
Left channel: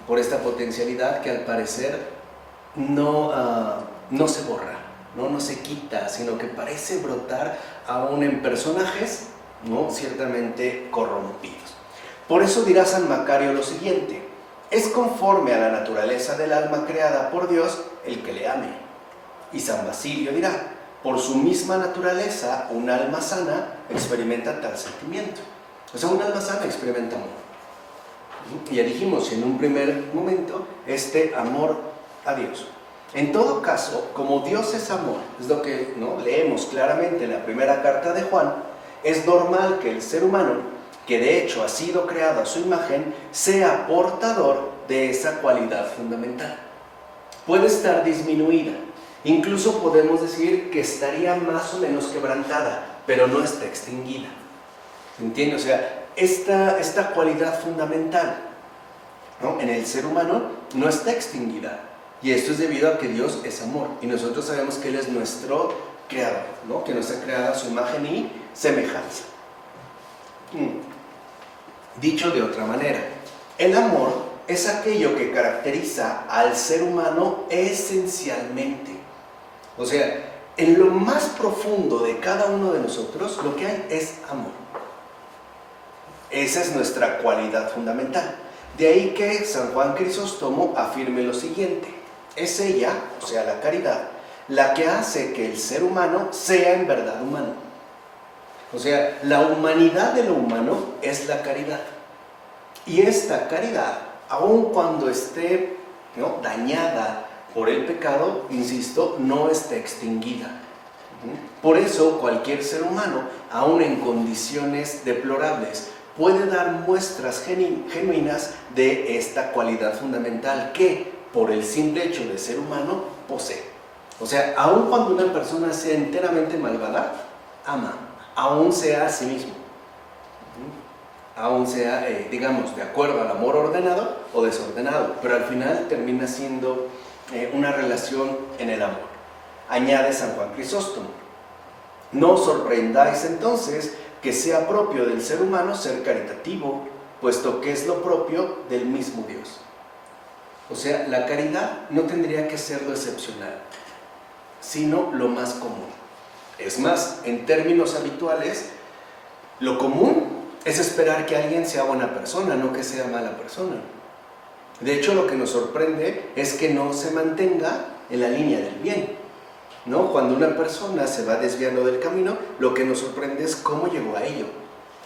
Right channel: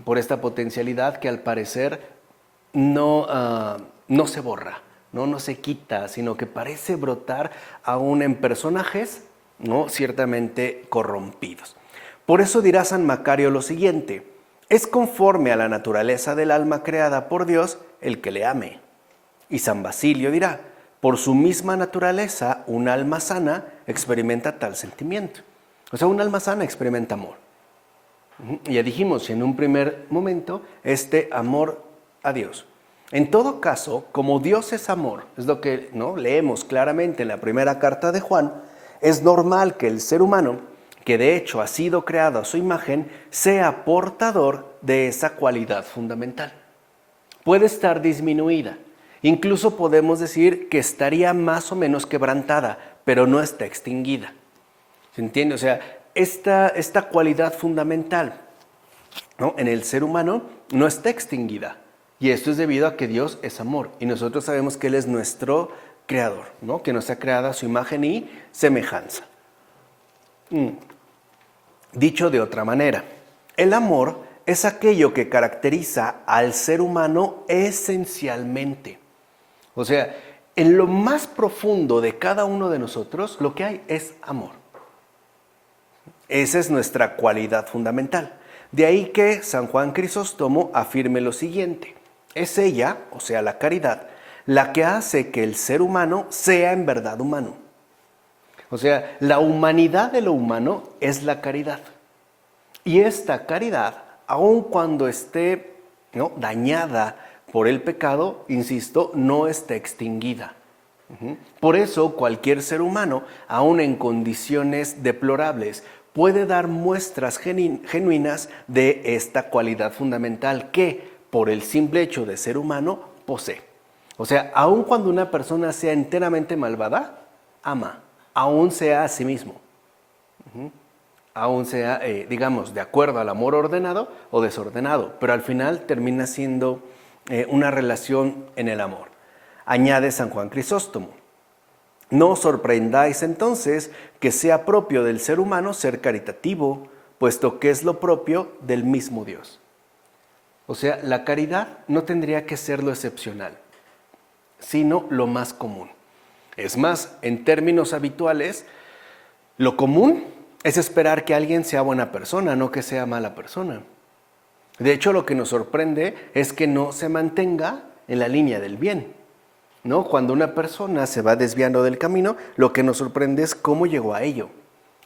por esta potencialidad que al parecer no se borra, no se quita, sino que parece brotar aún en personajes, ¿no?, ciertamente corrompidos. Por eso dirá San Macario lo siguiente: es conforme a la naturaleza del alma creada por Dios el que le ame. Y San Basilio dirá: por su misma naturaleza, un alma sana experimenta tal sentimiento. O sea, un alma sana experimenta amor. Ya dijimos en un primer momento, este amor a Dios. En todo caso, como Dios es amor, es lo que, ¿no?, leemos claramente en la primera carta de Juan, es normal que el ser humano, que de hecho ha sido creado a su imagen, sea portador de esa cualidad fundamental. Puede estar disminuida, incluso podemos decir que estaría más o menos quebrantada, pero no está extinguida. ¿Se entiende? O sea, esta cualidad fundamental, ¿no?, en el ser humano no está extinguida. Y esto es debido a que Dios es amor. Y nosotros sabemos que Él es nuestro creador, ¿no?, que nos ha creado a su imagen y semejanza. Dicho de otra manera, el amor es aquello que caracteriza al ser humano esencialmente. O sea, en lo más profundo de cada uno de nosotros, lo que hay es amor. Esa es nuestra cualidad fundamental. De ahí que San Juan Crisóstomo afirme lo siguiente: es ella, o sea, la caridad, la que hace que el ser humano sea en verdad humano. O sea, la humanidad de lo humano es la caridad. Y esta caridad, aun cuando esté, ¿no?, dañada por el pecado, insisto, no está extinguida. Por eso cualquier ser humano, aun en condiciones deplorables, puede dar muestras genuinas de esta cualidad fundamental que, por el simple hecho de ser humano, posee. O sea, aun cuando una persona sea enteramente malvada, ama, aun sea a sí mismo. Aun sea, digamos, de acuerdo al amor ordenado o desordenado, pero al final termina siendo una relación en el amor. Añade San Juan Crisóstomo: no os sorprendáis entonces que sea propio del ser humano ser caritativo, puesto que es lo propio del mismo Dios. O sea, la caridad no tendría que ser lo excepcional, sino lo más común. Es más, en términos habituales, Lo común es esperar que alguien sea buena persona, no que sea mala persona. De hecho, lo que nos sorprende es que no se mantenga en la línea del bien, ¿no? Cuando una persona se va desviando del camino, lo que nos sorprende es cómo llegó a ello.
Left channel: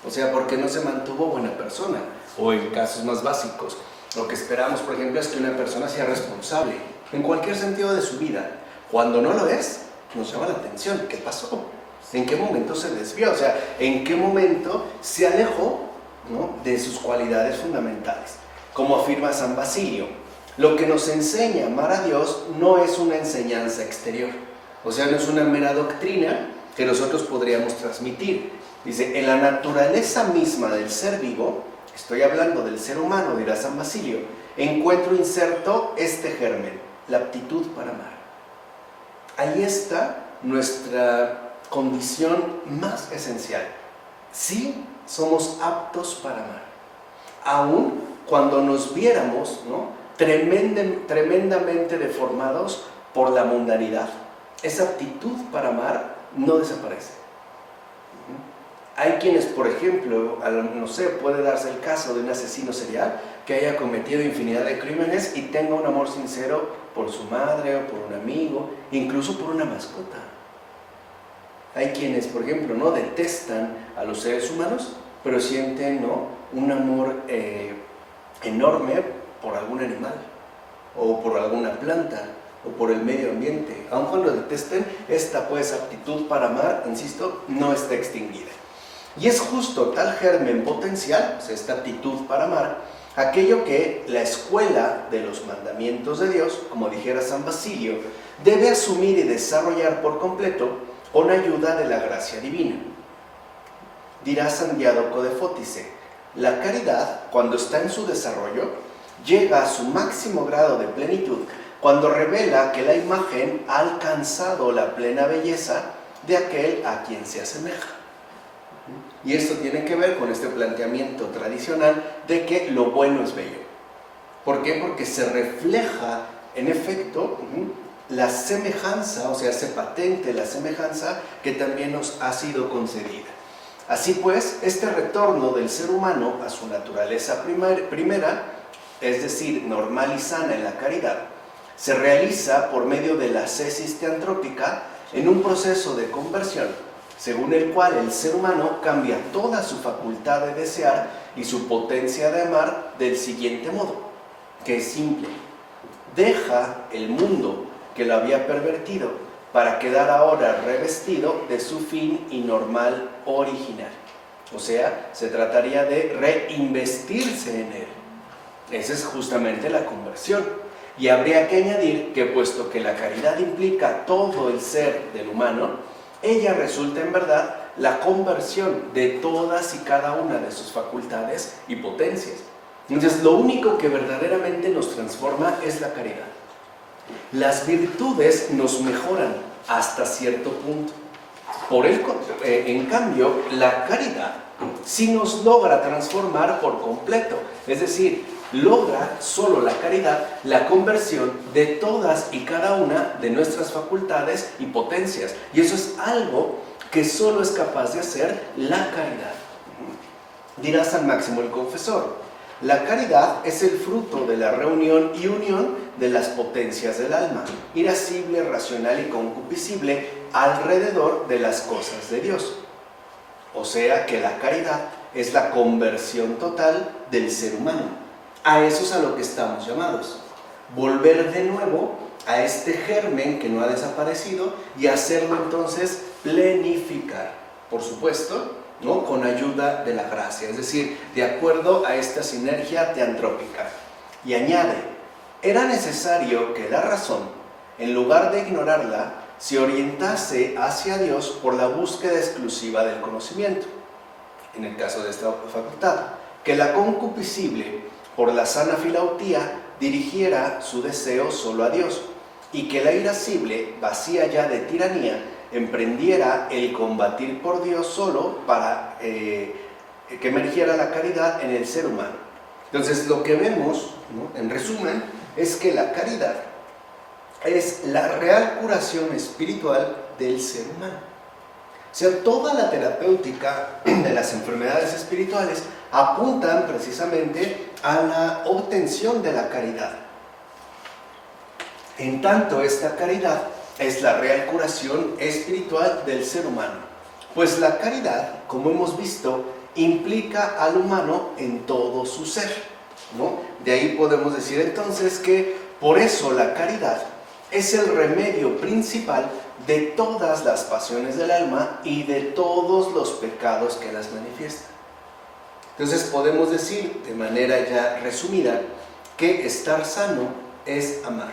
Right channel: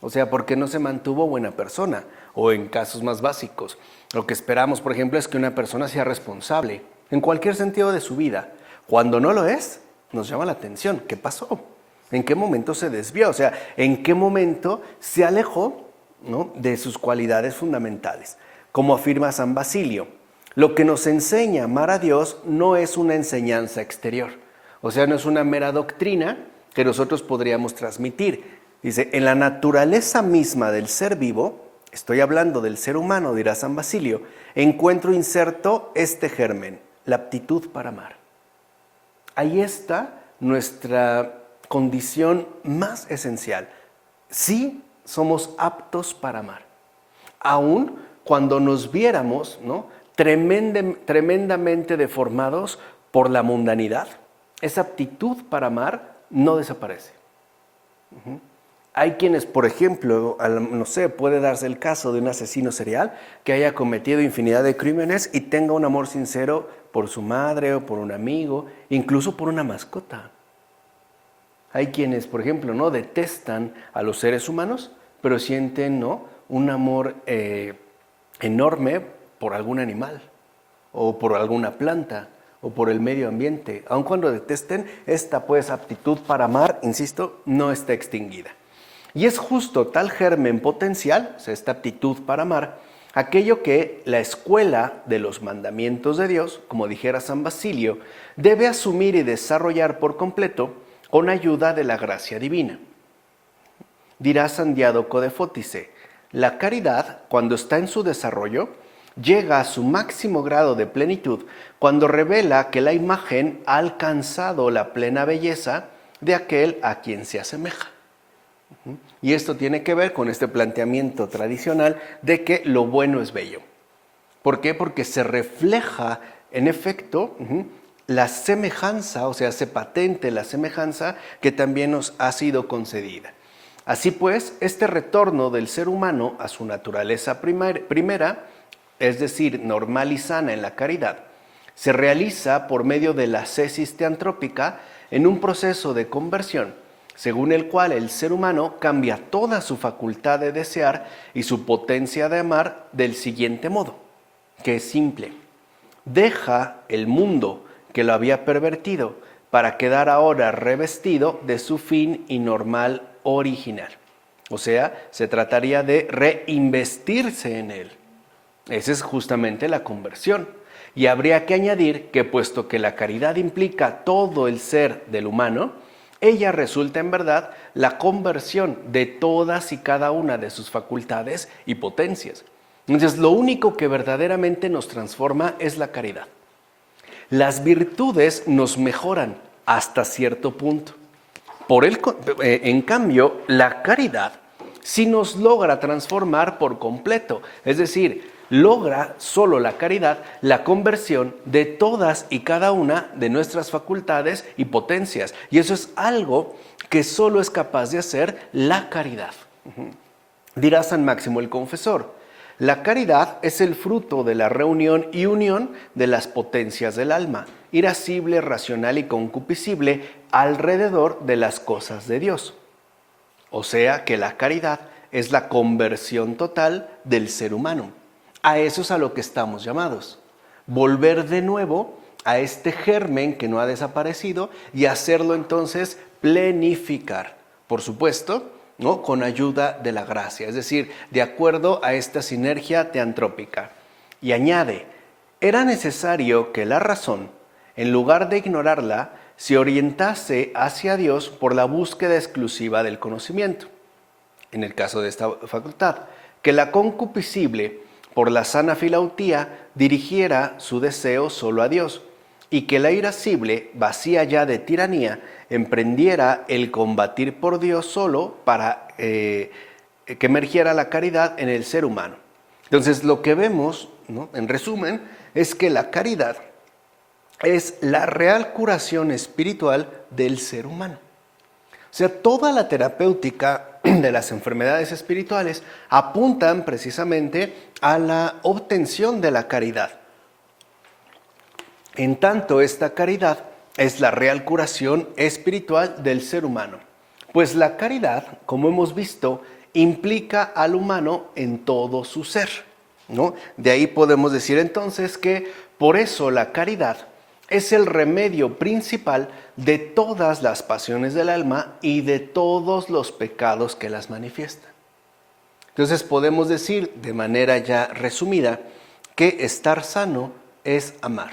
O sea, ¿por qué no se mantuvo buena persona? O en casos más básicos, lo que esperamos, por ejemplo, es que una persona sea responsable en cualquier sentido de su vida. Cuando no lo es, nos llama la atención. ¿Qué pasó? ¿En qué momento se desvió? O sea, ¿en qué momento se alejó, ¿no?, de sus cualidades fundamentales? Como afirma San Basilio, lo que nos enseña a amar a Dios no es una enseñanza exterior. O sea, no es una mera doctrina que nosotros podríamos transmitir. Dice, en la naturaleza misma del ser vivo, estoy hablando del ser humano, dirá San Basilio, encuentro inserto este germen, la aptitud para amar. Ahí está nuestra condición más esencial. Sí somos aptos para amar, aun cuando nos viéramos, ¿no?, tremendamente deformados por la mundanidad. Esa aptitud para amar no desaparece. Hay quienes, por ejemplo, no sé, puede darse el caso de un asesino serial que haya cometido infinidad de crímenes y tenga un amor sincero por su madre o por un amigo, incluso por una mascota. Hay quienes, por ejemplo, no detestan a los seres humanos, pero sienten, ¿no?, un amor enorme por algún animal, o por alguna planta, o por el medio ambiente. Aun cuando detesten, esta pues aptitud para amar, insisto, no está extinguida. Y es justo tal germen potencial, o sea, esta aptitud para amar, aquello que la escuela de los mandamientos de Dios, como dijera San Basilio, debe asumir y desarrollar por completo con ayuda de la gracia divina. Dirá San Diádoco de Fótice, la caridad, cuando está en su desarrollo, llega a su máximo grado de plenitud cuando revela que la imagen ha alcanzado la plena belleza de aquel a quien se asemeja. Y esto tiene que ver con este planteamiento tradicional de que lo bueno es bello. ¿Por qué? Porque se refleja, en efecto, la semejanza, o sea, hace patente la semejanza que también nos ha sido concedida. Así pues, este retorno del ser humano a su naturaleza primera, es decir, normal y sana en la caridad, se realiza por medio de la ascesis teantrópica en un proceso de conversión, según el cual el ser humano cambia toda su facultad de desear y su potencia de amar del siguiente modo, que es simple. Deja el mundo que lo había pervertido para quedar ahora revestido de su fin y normal original. O sea, se trataría de reinvestirse en él. Esa es justamente la conversión. Y habría que añadir que puesto que la caridad implica todo el ser del humano, ella resulta en verdad la conversión de todas y cada una de sus facultades y potencias. Entonces, lo único que verdaderamente nos transforma es la caridad. Las virtudes nos mejoran hasta cierto punto. En cambio, la caridad sí nos logra transformar por completo. Es decir, logra solo la caridad la conversión de todas y cada una de nuestras facultades y potencias. Y eso es algo que solo es capaz de hacer la caridad. Dirá San Máximo el Confesor, la caridad es el fruto de la reunión y unión de las potencias del alma, irascible, racional y concupiscible, alrededor de las cosas de Dios. O sea que la caridad es la conversión total del ser humano. A eso es a lo que estamos llamados. Volver de nuevo a este germen que no ha desaparecido y hacerlo entonces plenificar. Por supuesto, ¿no?, con ayuda de la gracia, es decir, de acuerdo a esta sinergia teantrópica. Y añade, era necesario que la razón, en lugar de ignorarla, se orientase hacia Dios por la búsqueda exclusiva del conocimiento. En el caso de esta facultad, que la concupiscible, por la sana filautía, dirigiera su deseo solo a Dios, y que la irascible, vacía ya de tiranía, emprendiera el combatir por Dios solo para que emergiera la caridad en el ser humano. Entonces, lo que vemos, ¿no?, en resumen, es que la caridad es la real curación espiritual del ser humano. O sea, toda la terapéutica de las enfermedades espirituales apuntan precisamente a la obtención de la caridad. En tanto, esta caridad es la real curación espiritual del ser humano. Pues la caridad, como hemos visto, implica al humano en todo su ser, ¿no? De ahí podemos decir entonces que por eso la caridad es el remedio principal de todas las pasiones del alma y de todos los pecados que las manifiestan. Entonces podemos decir de manera ya resumida que estar sano es amar.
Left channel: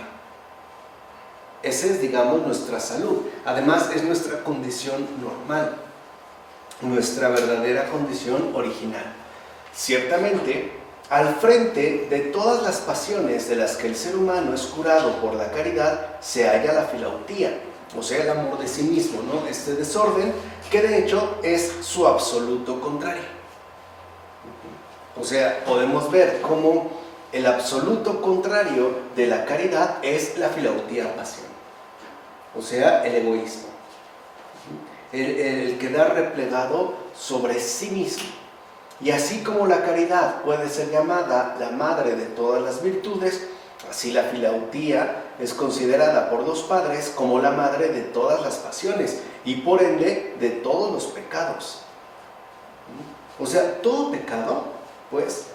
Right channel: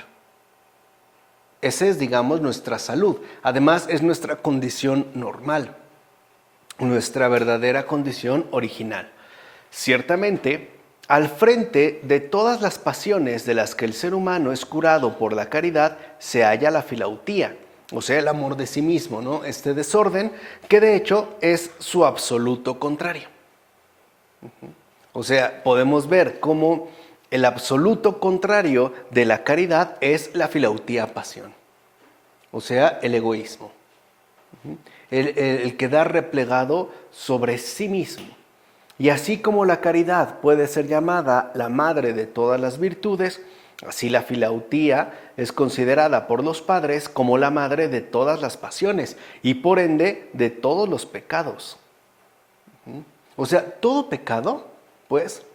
Esa es, digamos, nuestra salud. Además, es nuestra condición normal, nuestra verdadera condición original. Ciertamente, al frente de todas las pasiones de las que el ser humano es curado por la caridad, se halla la filautía, o sea, el amor de sí mismo, ¿no? Este desorden que de hecho es su absoluto contrario. O sea, podemos ver cómo el absoluto contrario de la caridad es la filautía pasión, o sea, el egoísmo, el quedar replegado sobre sí mismo. Y así como la caridad puede ser llamada la madre de todas las virtudes, así la filautía es considerada por los padres como la madre de todas las pasiones y por ende de todos los pecados. O sea, todo pecado, pues,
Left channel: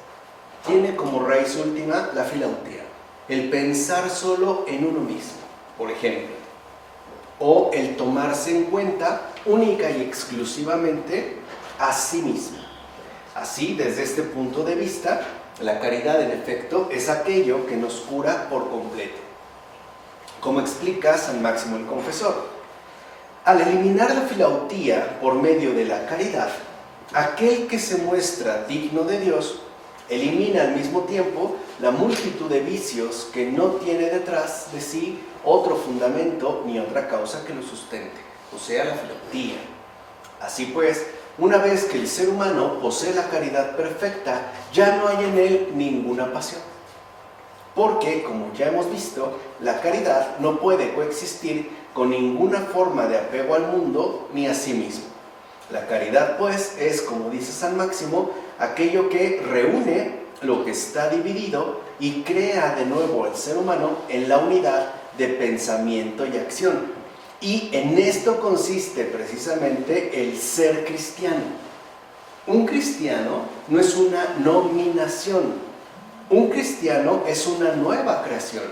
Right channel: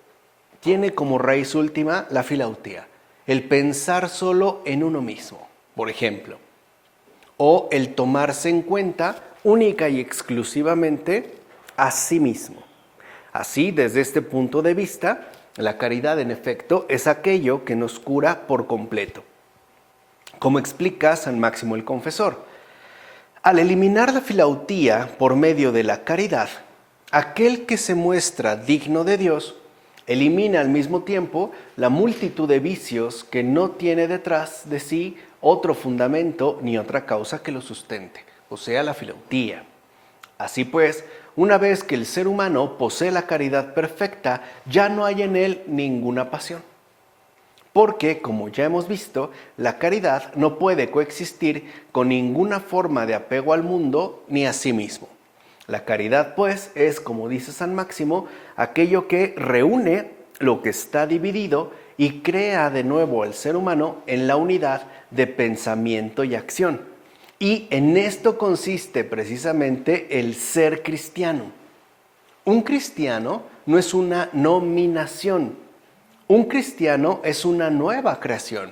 tiene como raíz última la filautía, el pensar solo en uno mismo, por ejemplo, o el tomarse en cuenta única y exclusivamente a sí mismo. Así, desde este punto de vista, la caridad, en efecto, es aquello que nos cura por completo. Como explica San Máximo el Confesor, al eliminar la filautía por medio de la caridad, aquel que se muestra digno de Dios elimina al mismo tiempo la multitud de vicios que no tiene detrás de sí otro fundamento ni otra causa que lo sustente, o sea, la filautía. Así pues, una vez que el ser humano posee la caridad perfecta, ya no hay en él ninguna pasión. Porque, como ya hemos visto, la caridad no puede coexistir con ninguna forma de apego al mundo ni a sí mismo. La caridad, pues, es, como dice San Máximo, aquello que reúne lo que está dividido y crea de nuevo al ser humano en la unidad de pensamiento y acción. Y en esto consiste precisamente el ser cristiano. Un cristiano no es una nominación. Un cristiano es una nueva creación.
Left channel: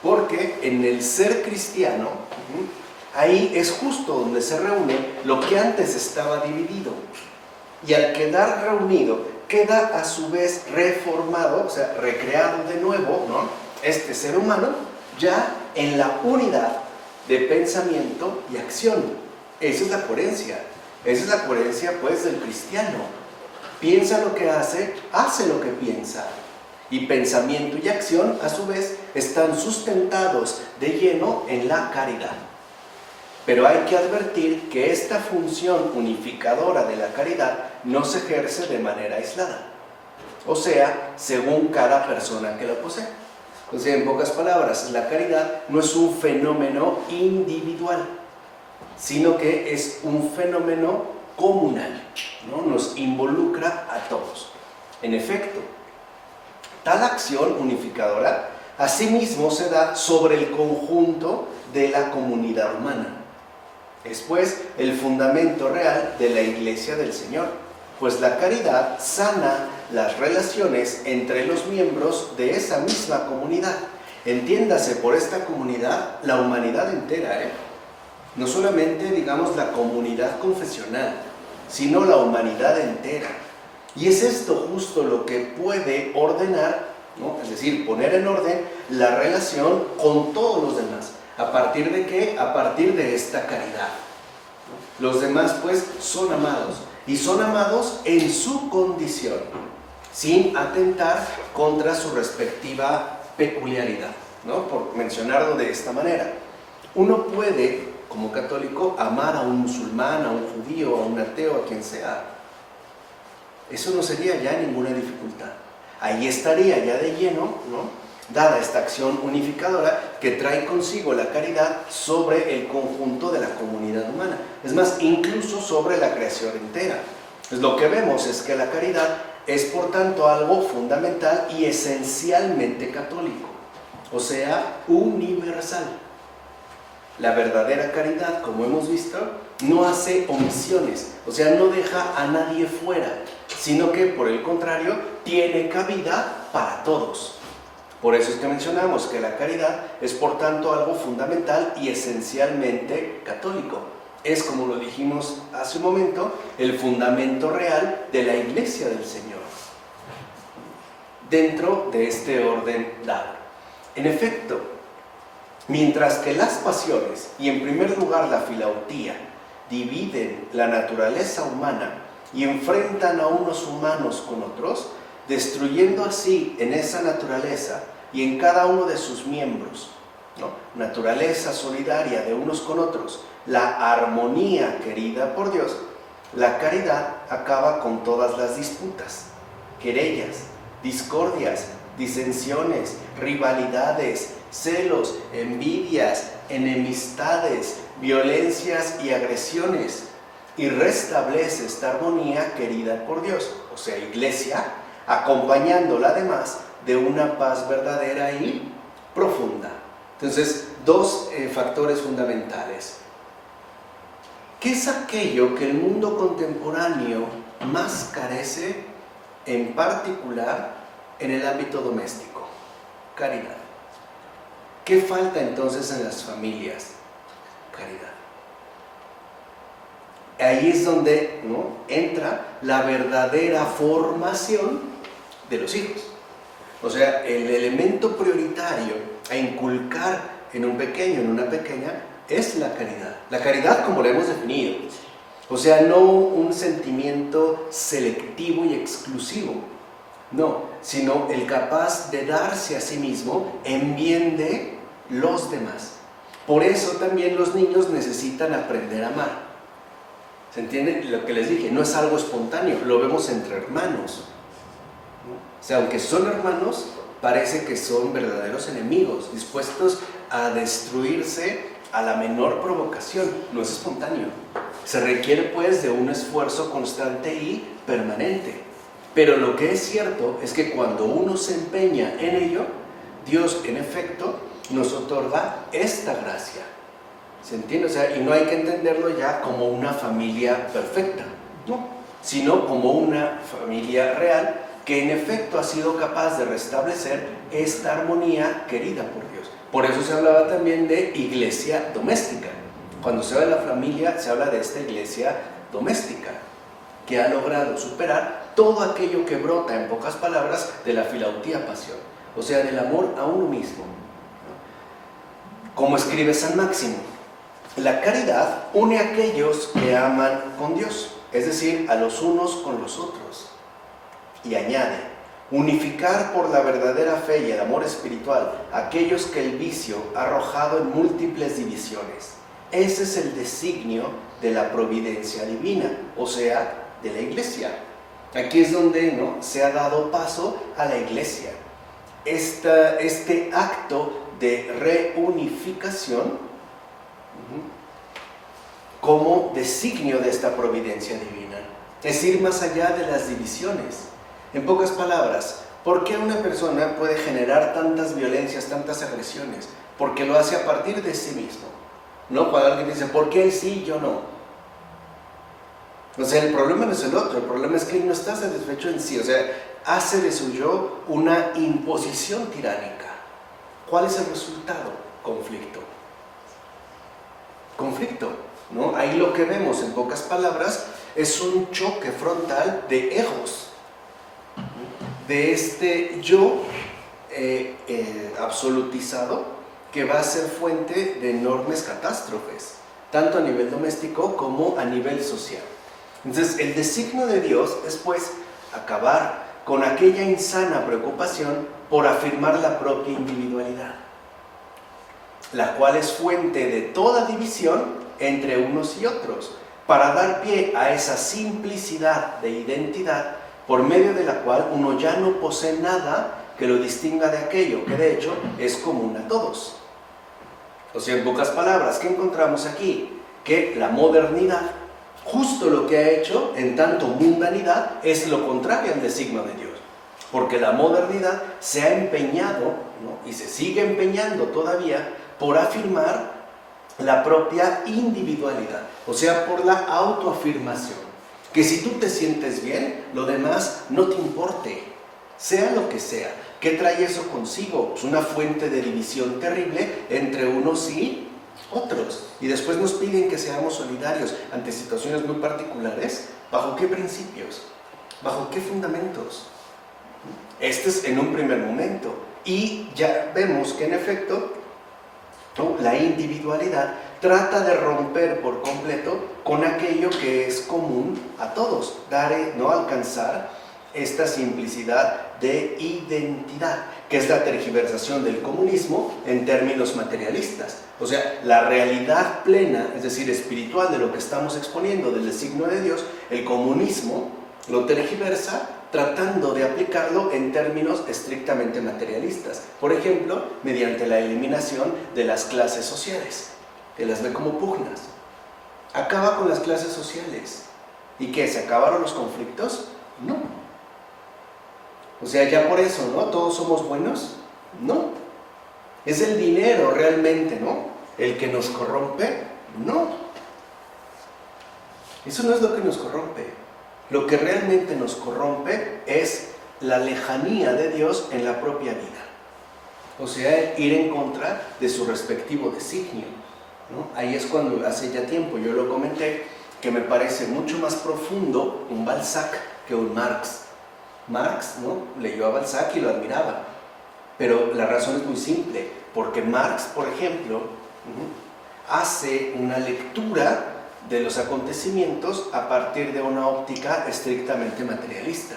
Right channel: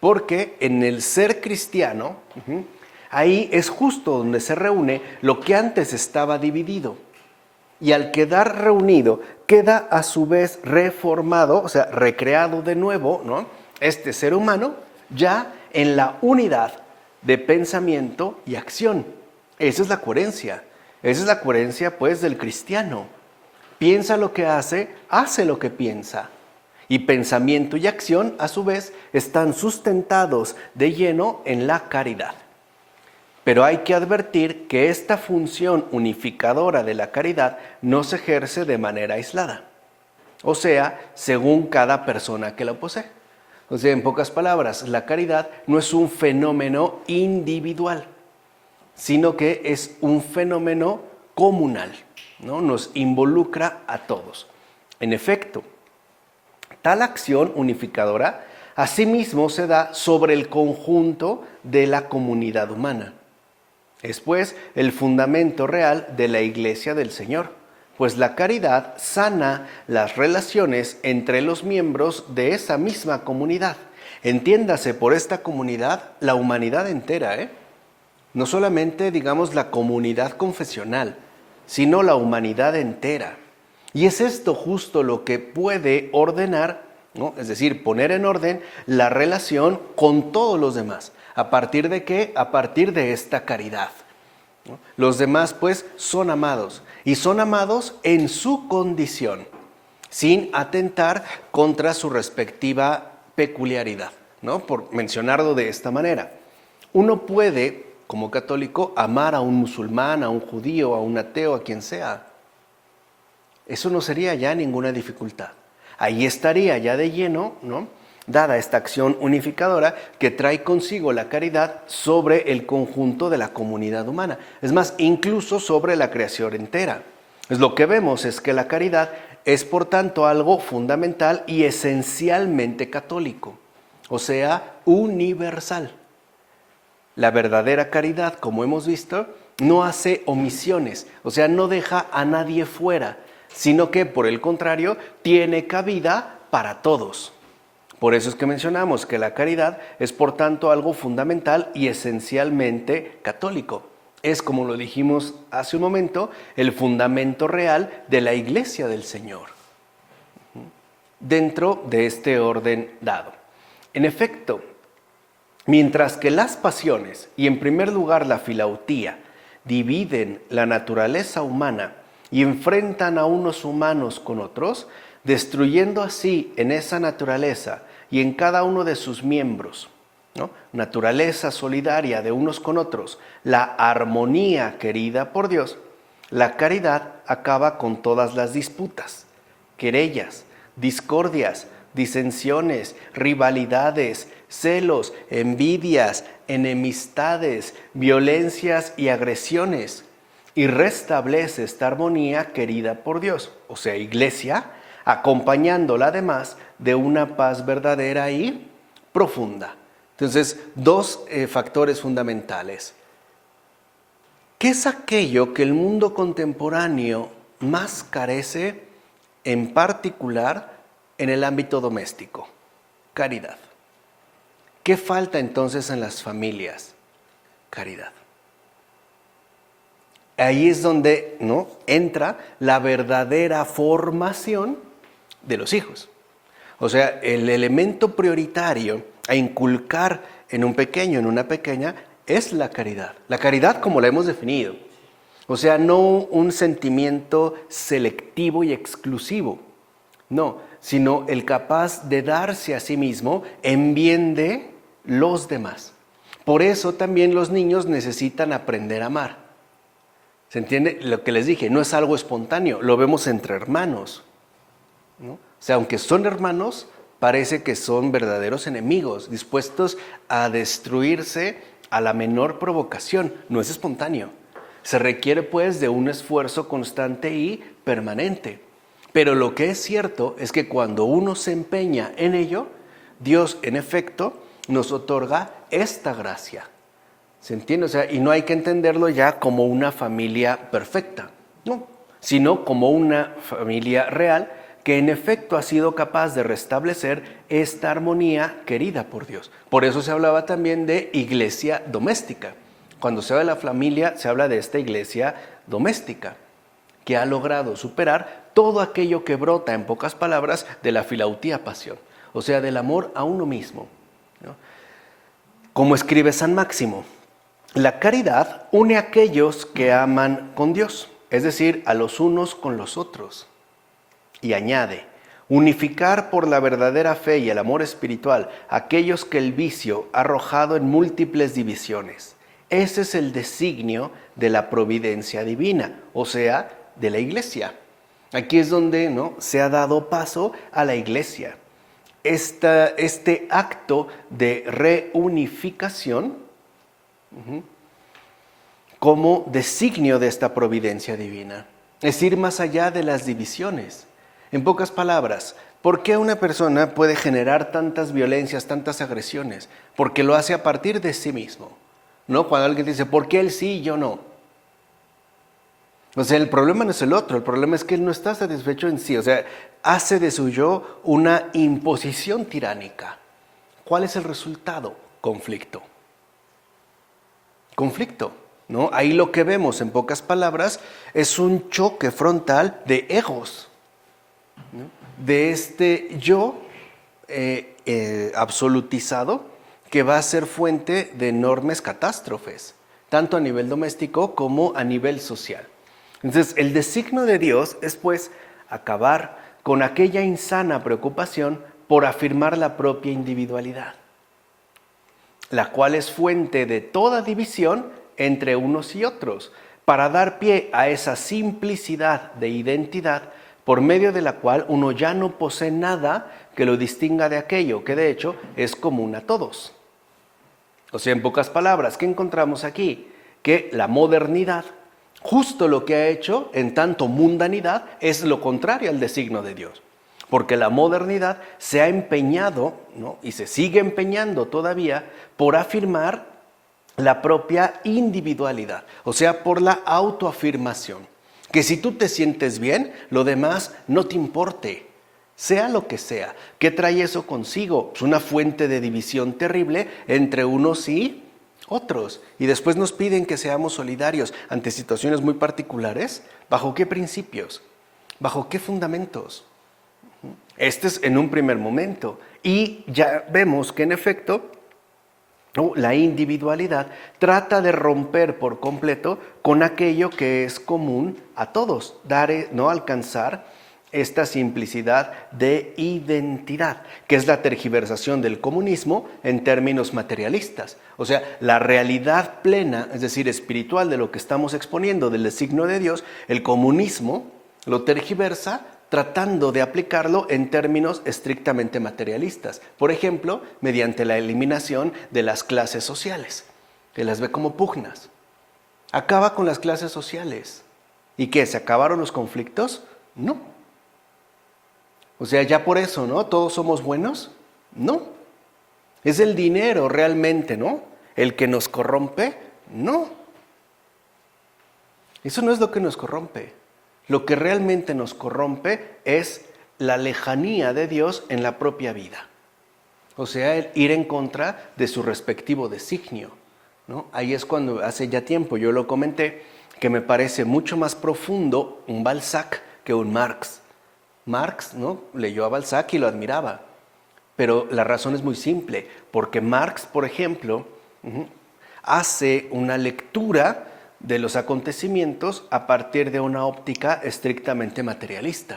Porque en el ser cristiano, ahí es justo donde se reúne lo que antes estaba dividido. Y al quedar reunido, queda a su vez reformado, o sea, recreado de nuevo, ¿no? Este ser humano ya en la unidad de pensamiento y acción. Esa es la coherencia. Esa es la coherencia, pues, del cristiano. Piensa lo que hace lo que piensa. Y pensamiento y acción, a su vez, están sustentados de lleno en la caridad. Pero hay que advertir que esta función unificadora de la caridad no se ejerce de manera aislada. O sea, según cada persona que la posee. O sea, en pocas palabras, la caridad no es un fenómeno individual, sino que es un fenómeno comunal, ¿no? Nos involucra a todos. En efecto, tal acción unificadora asimismo se da sobre el conjunto de la comunidad humana. Es pues el fundamento real de la Iglesia del Señor, pues la caridad sana las relaciones entre los miembros de esa misma comunidad. Entiéndase por esta comunidad la humanidad entera, no solamente, digamos, la comunidad confesional, sino la humanidad entera. Y es esto justo lo que puede ordenar, ¿no? Es decir, poner en orden la relación con todos los demás. ¿A partir de qué? A partir de esta caridad, ¿no? Los demás, pues, son amados. Y son amados en su condición, sin atentar contra su respectiva peculiaridad, ¿no? Por mencionarlo de esta manera. Uno puede, como católico, amar a un musulmán, a un judío, a un ateo, a quien sea. Eso no sería ya ninguna dificultad. Ahí estaría ya de lleno, ¿no?, dada esta acción unificadora que trae consigo la caridad sobre el conjunto de la comunidad humana. Es más, incluso sobre la creación entera. Pues lo que vemos es que la caridad es, por tanto, algo fundamental y esencialmente católico, o sea, universal. La verdadera caridad, como hemos visto, no hace omisiones, o sea, no deja a nadie fuera, sino que, por el contrario, tiene cabida para todos. Por eso es que mencionamos que la caridad es, por tanto, algo fundamental y esencialmente católico. Es, como lo dijimos hace un momento, el fundamento real de la Iglesia del Señor, dentro de este orden dado. En efecto, mientras que las pasiones, y en primer lugar la filautía, dividen la naturaleza humana y enfrentan a unos humanos con otros, destruyendo así en esa naturaleza y en cada uno de sus miembros, ¿no?, naturaleza solidaria de unos con otros, la armonía querida por Dios, la caridad acaba con todas las disputas, querellas, discordias, disensiones, rivalidades, celos, envidias, enemistades, violencias y agresiones, y restablece esta armonía querida por Dios, o sea, Iglesia, acompañándola además de una paz verdadera y profunda. Entonces, dos factores fundamentales. ¿Qué es aquello que el mundo contemporáneo más carece, en particular en el ámbito doméstico? Caridad. ¿Qué falta entonces en las familias? Caridad. Ahí es donde, ¿no?, entra la verdadera formación de los hijos. O sea, el elemento prioritario a inculcar en un pequeño, en una pequeña, es la caridad. La caridad como la hemos definido. O sea, no un sentimiento selectivo y exclusivo. No, sino el capaz de darse a sí mismo en bien de los demás. Por eso también los niños necesitan aprender a amar. ¿Se entiende? Lo que les dije, no es algo espontáneo, lo vemos entre hermanos, ¿no? O sea, aunque son hermanos, parece que son verdaderos enemigos, dispuestos a destruirse a la menor provocación. No es espontáneo. Se requiere pues de un esfuerzo constante y permanente. Pero lo que es cierto es que cuando uno se empeña en ello, Dios en efecto nos otorga esta gracia. ¿Se entiende? O sea, y no hay que entenderlo ya como una familia perfecta, no, sino como una familia real que en efecto ha sido capaz de restablecer esta armonía querida por Dios. Por eso se hablaba también de iglesia doméstica. Cuando se habla de la familia, se habla de esta iglesia doméstica, que ha logrado superar todo aquello que brota, en pocas palabras, de la filautía pasión, o sea, del amor a uno mismo, ¿no? Como escribe San Máximo, la caridad une a aquellos que aman con Dios, es decir, a los unos con los otros. Y añade, unificar por la verdadera fe y el amor espiritual a aquellos que el vicio ha arrojado en múltiples divisiones. Ese es el designio de la providencia divina, o sea, de la Iglesia. Aquí es donde, ¿no?, se ha dado paso a la Iglesia. Este acto de reunificación como designio de esta providencia divina. Es ir más allá de las divisiones. En pocas palabras, ¿por qué una persona puede generar tantas violencias, tantas agresiones? Porque lo hace a partir de sí mismo, ¿no? Cuando alguien dice, ¿por qué él sí y yo no? O sea, el problema no es el otro, el problema es que él no está satisfecho en sí. O sea, hace de su yo una imposición tiránica. ¿Cuál es el resultado? Conflicto. Conflicto, ¿no? Ahí lo que vemos, en pocas palabras, es un choque frontal de egos, de este yo absolutizado que va a ser fuente de enormes catástrofes, tanto a nivel doméstico como a nivel social. Entonces, el designio de Dios es pues acabar con aquella insana preocupación por afirmar la propia individualidad, la cual es fuente de toda división entre unos y otros, para dar pie a esa simplicidad de identidad por medio de la cual uno ya no posee nada que lo distinga de aquello que de hecho es común a todos. O sea, en pocas palabras, ¿qué encontramos aquí? Que la modernidad, justo lo que ha hecho en tanto mundanidad, es lo contrario al designio de Dios. Porque la modernidad se ha empeñado, ¿no?, y se sigue empeñando todavía por afirmar la propia individualidad, o sea, por la autoafirmación. Que si tú te sientes bien, lo demás no te importe, sea lo que sea. ¿Qué trae eso consigo? Pues una fuente de división terrible entre unos y otros. Y después nos piden que seamos solidarios ante situaciones muy particulares. ¿Bajo qué principios? ¿Bajo qué fundamentos? Este es en un primer momento. Y ya vemos que en efecto, ¿no?, la individualidad trata de romper por completo con aquello que es común a todos, no alcanzar esta simplicidad de identidad, que es la tergiversación del comunismo en términos materialistas. O sea, la realidad plena, es decir, espiritual de lo que estamos exponiendo del designio de Dios, el comunismo lo tergiversa tratando de aplicarlo en términos estrictamente materialistas. Por ejemplo, mediante la eliminación de las clases sociales, que las ve como pugnas. Acaba con las clases sociales. ¿Y qué? ¿Se acabaron los conflictos? No. O sea, ya por eso, ¿no?, ¿todos somos buenos? No. ¿Es el dinero realmente, ¿no?, el que nos corrompe? No. Eso no es lo que nos corrompe. Lo que realmente nos corrompe es la lejanía de Dios en la propia vida. O sea, ir en contra de su respectivo designio, ¿no? Ahí es cuando hace ya tiempo yo lo comenté, que me parece mucho más profundo un Balzac que un Marx. Marx, ¿no?, leyó a Balzac y lo admiraba, pero la razón es muy simple, porque Marx, por ejemplo, hace una lectura de los acontecimientos a partir de una óptica estrictamente materialista.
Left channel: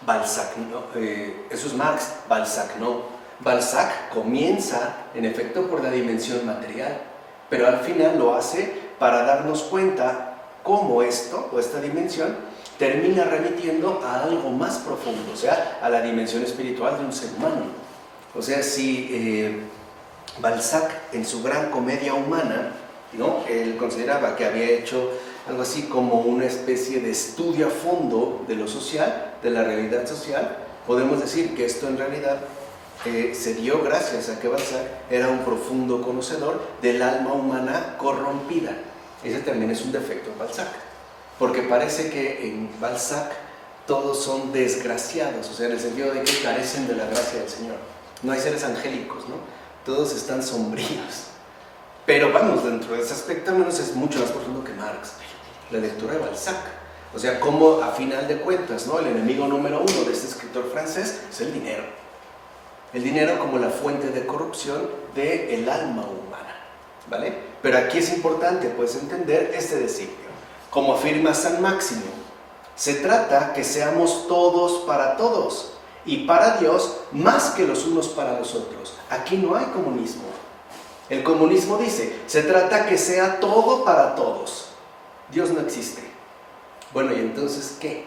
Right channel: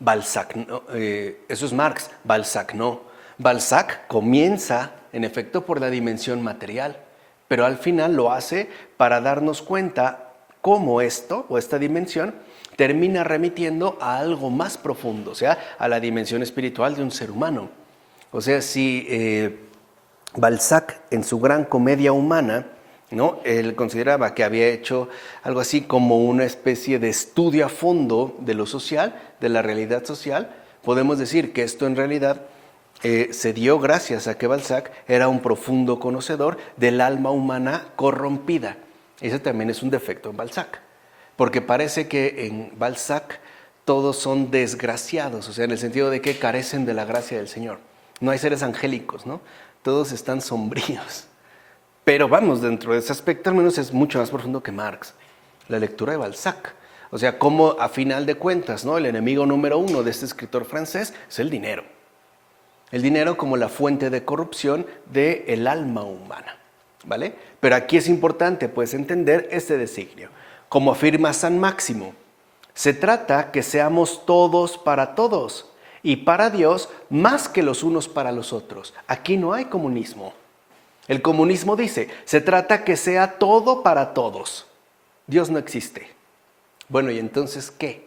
Balzac, no, eso es Marx, Balzac no. Balzac comienza, en efecto, por la dimensión material, pero al final lo hace para darnos cuenta cómo esto, o esta dimensión, termina remitiendo a algo más profundo, o sea, a la dimensión espiritual de un ser humano. O sea, si Balzac, en su gran comedia humana, ¿no?, él consideraba que había hecho algo así como una especie de estudio a fondo de lo social, de la realidad social, podemos decir que esto en realidad se dio gracias a que Balzac era un profundo conocedor del alma humana corrompida. Ese también es un defecto en Balzac, porque parece que en Balzac todos son desgraciados, o sea, en el sentido de que carecen de la gracia del Señor. No hay seres angélicos, ¿no? Todos están sombríos. Pero vamos, dentro de ese aspecto al menos es mucho más profundo que Marx, la lectura de Balzac. O sea, como a final de cuentas, ¿no?, el enemigo número uno de este escritor francés es el dinero. El dinero como la fuente de corrupción del alma humana, ¿vale? Pero aquí es importante, pues, entender este designio. Como afirma San Máximo, se trata que seamos todos para todos y para Dios más que los unos para los otros. Aquí no hay comunismo. El comunismo dice, se trata que sea todo para todos. Dios no existe. Bueno, ¿y entonces qué?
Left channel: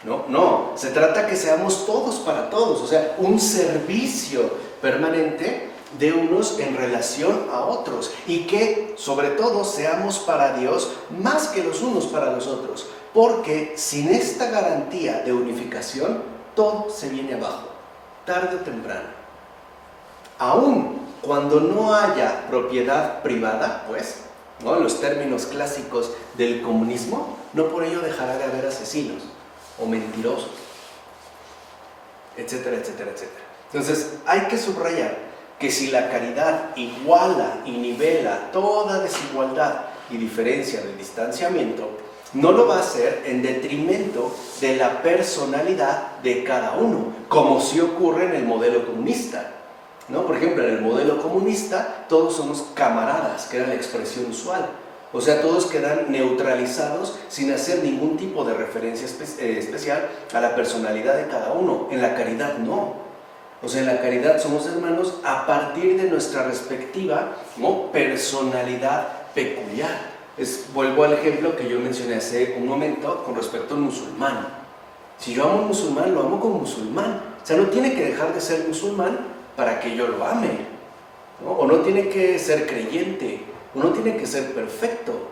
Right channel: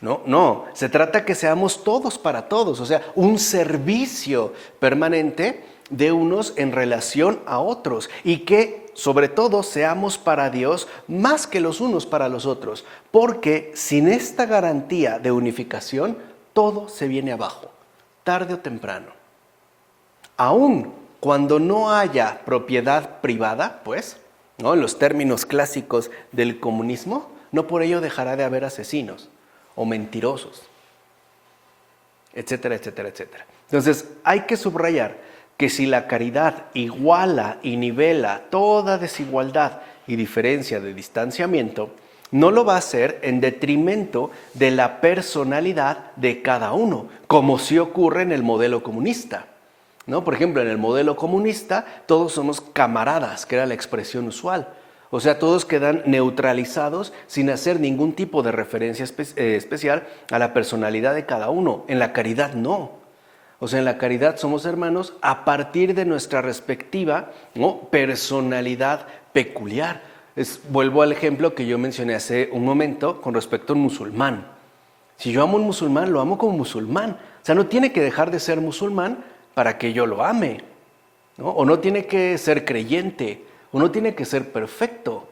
No, se trata que seamos todos para todos, o sea, un servicio permanente de unos en relación a otros y que, sobre todo, seamos para Dios más que los unos para los otros, porque sin esta garantía de unificación, todo se viene abajo, tarde o temprano. Aún cuando no haya propiedad privada, pues, ¿no?, en los términos clásicos del comunismo, no por ello dejará de haber asesinos o mentirosos, etcétera, etcétera, etcétera. Entonces, hay que subrayar que si la caridad iguala y nivela toda desigualdad y diferencia de distanciamiento, no lo va a hacer en detrimento de la personalidad de cada uno, como sí ocurre en el modelo comunista, ¿no? Por ejemplo, en el modelo comunista todos somos camaradas, que era la expresión usual. O sea, todos quedan neutralizados sin hacer ningún tipo de referencia especial a la personalidad de cada uno. En la caridad no. O sea, en la caridad somos hermanos a partir de nuestra respectiva, ¿no?, personalidad peculiar. Vuelvo al ejemplo que yo mencioné hace un momento con respecto a un musulmán. Si yo amo a un musulmán, lo amo como musulmán, O sea, no tiene que dejar de ser musulmán para que yo lo ame, ¿no? O no tiene que ser creyente, o no tiene que ser perfecto.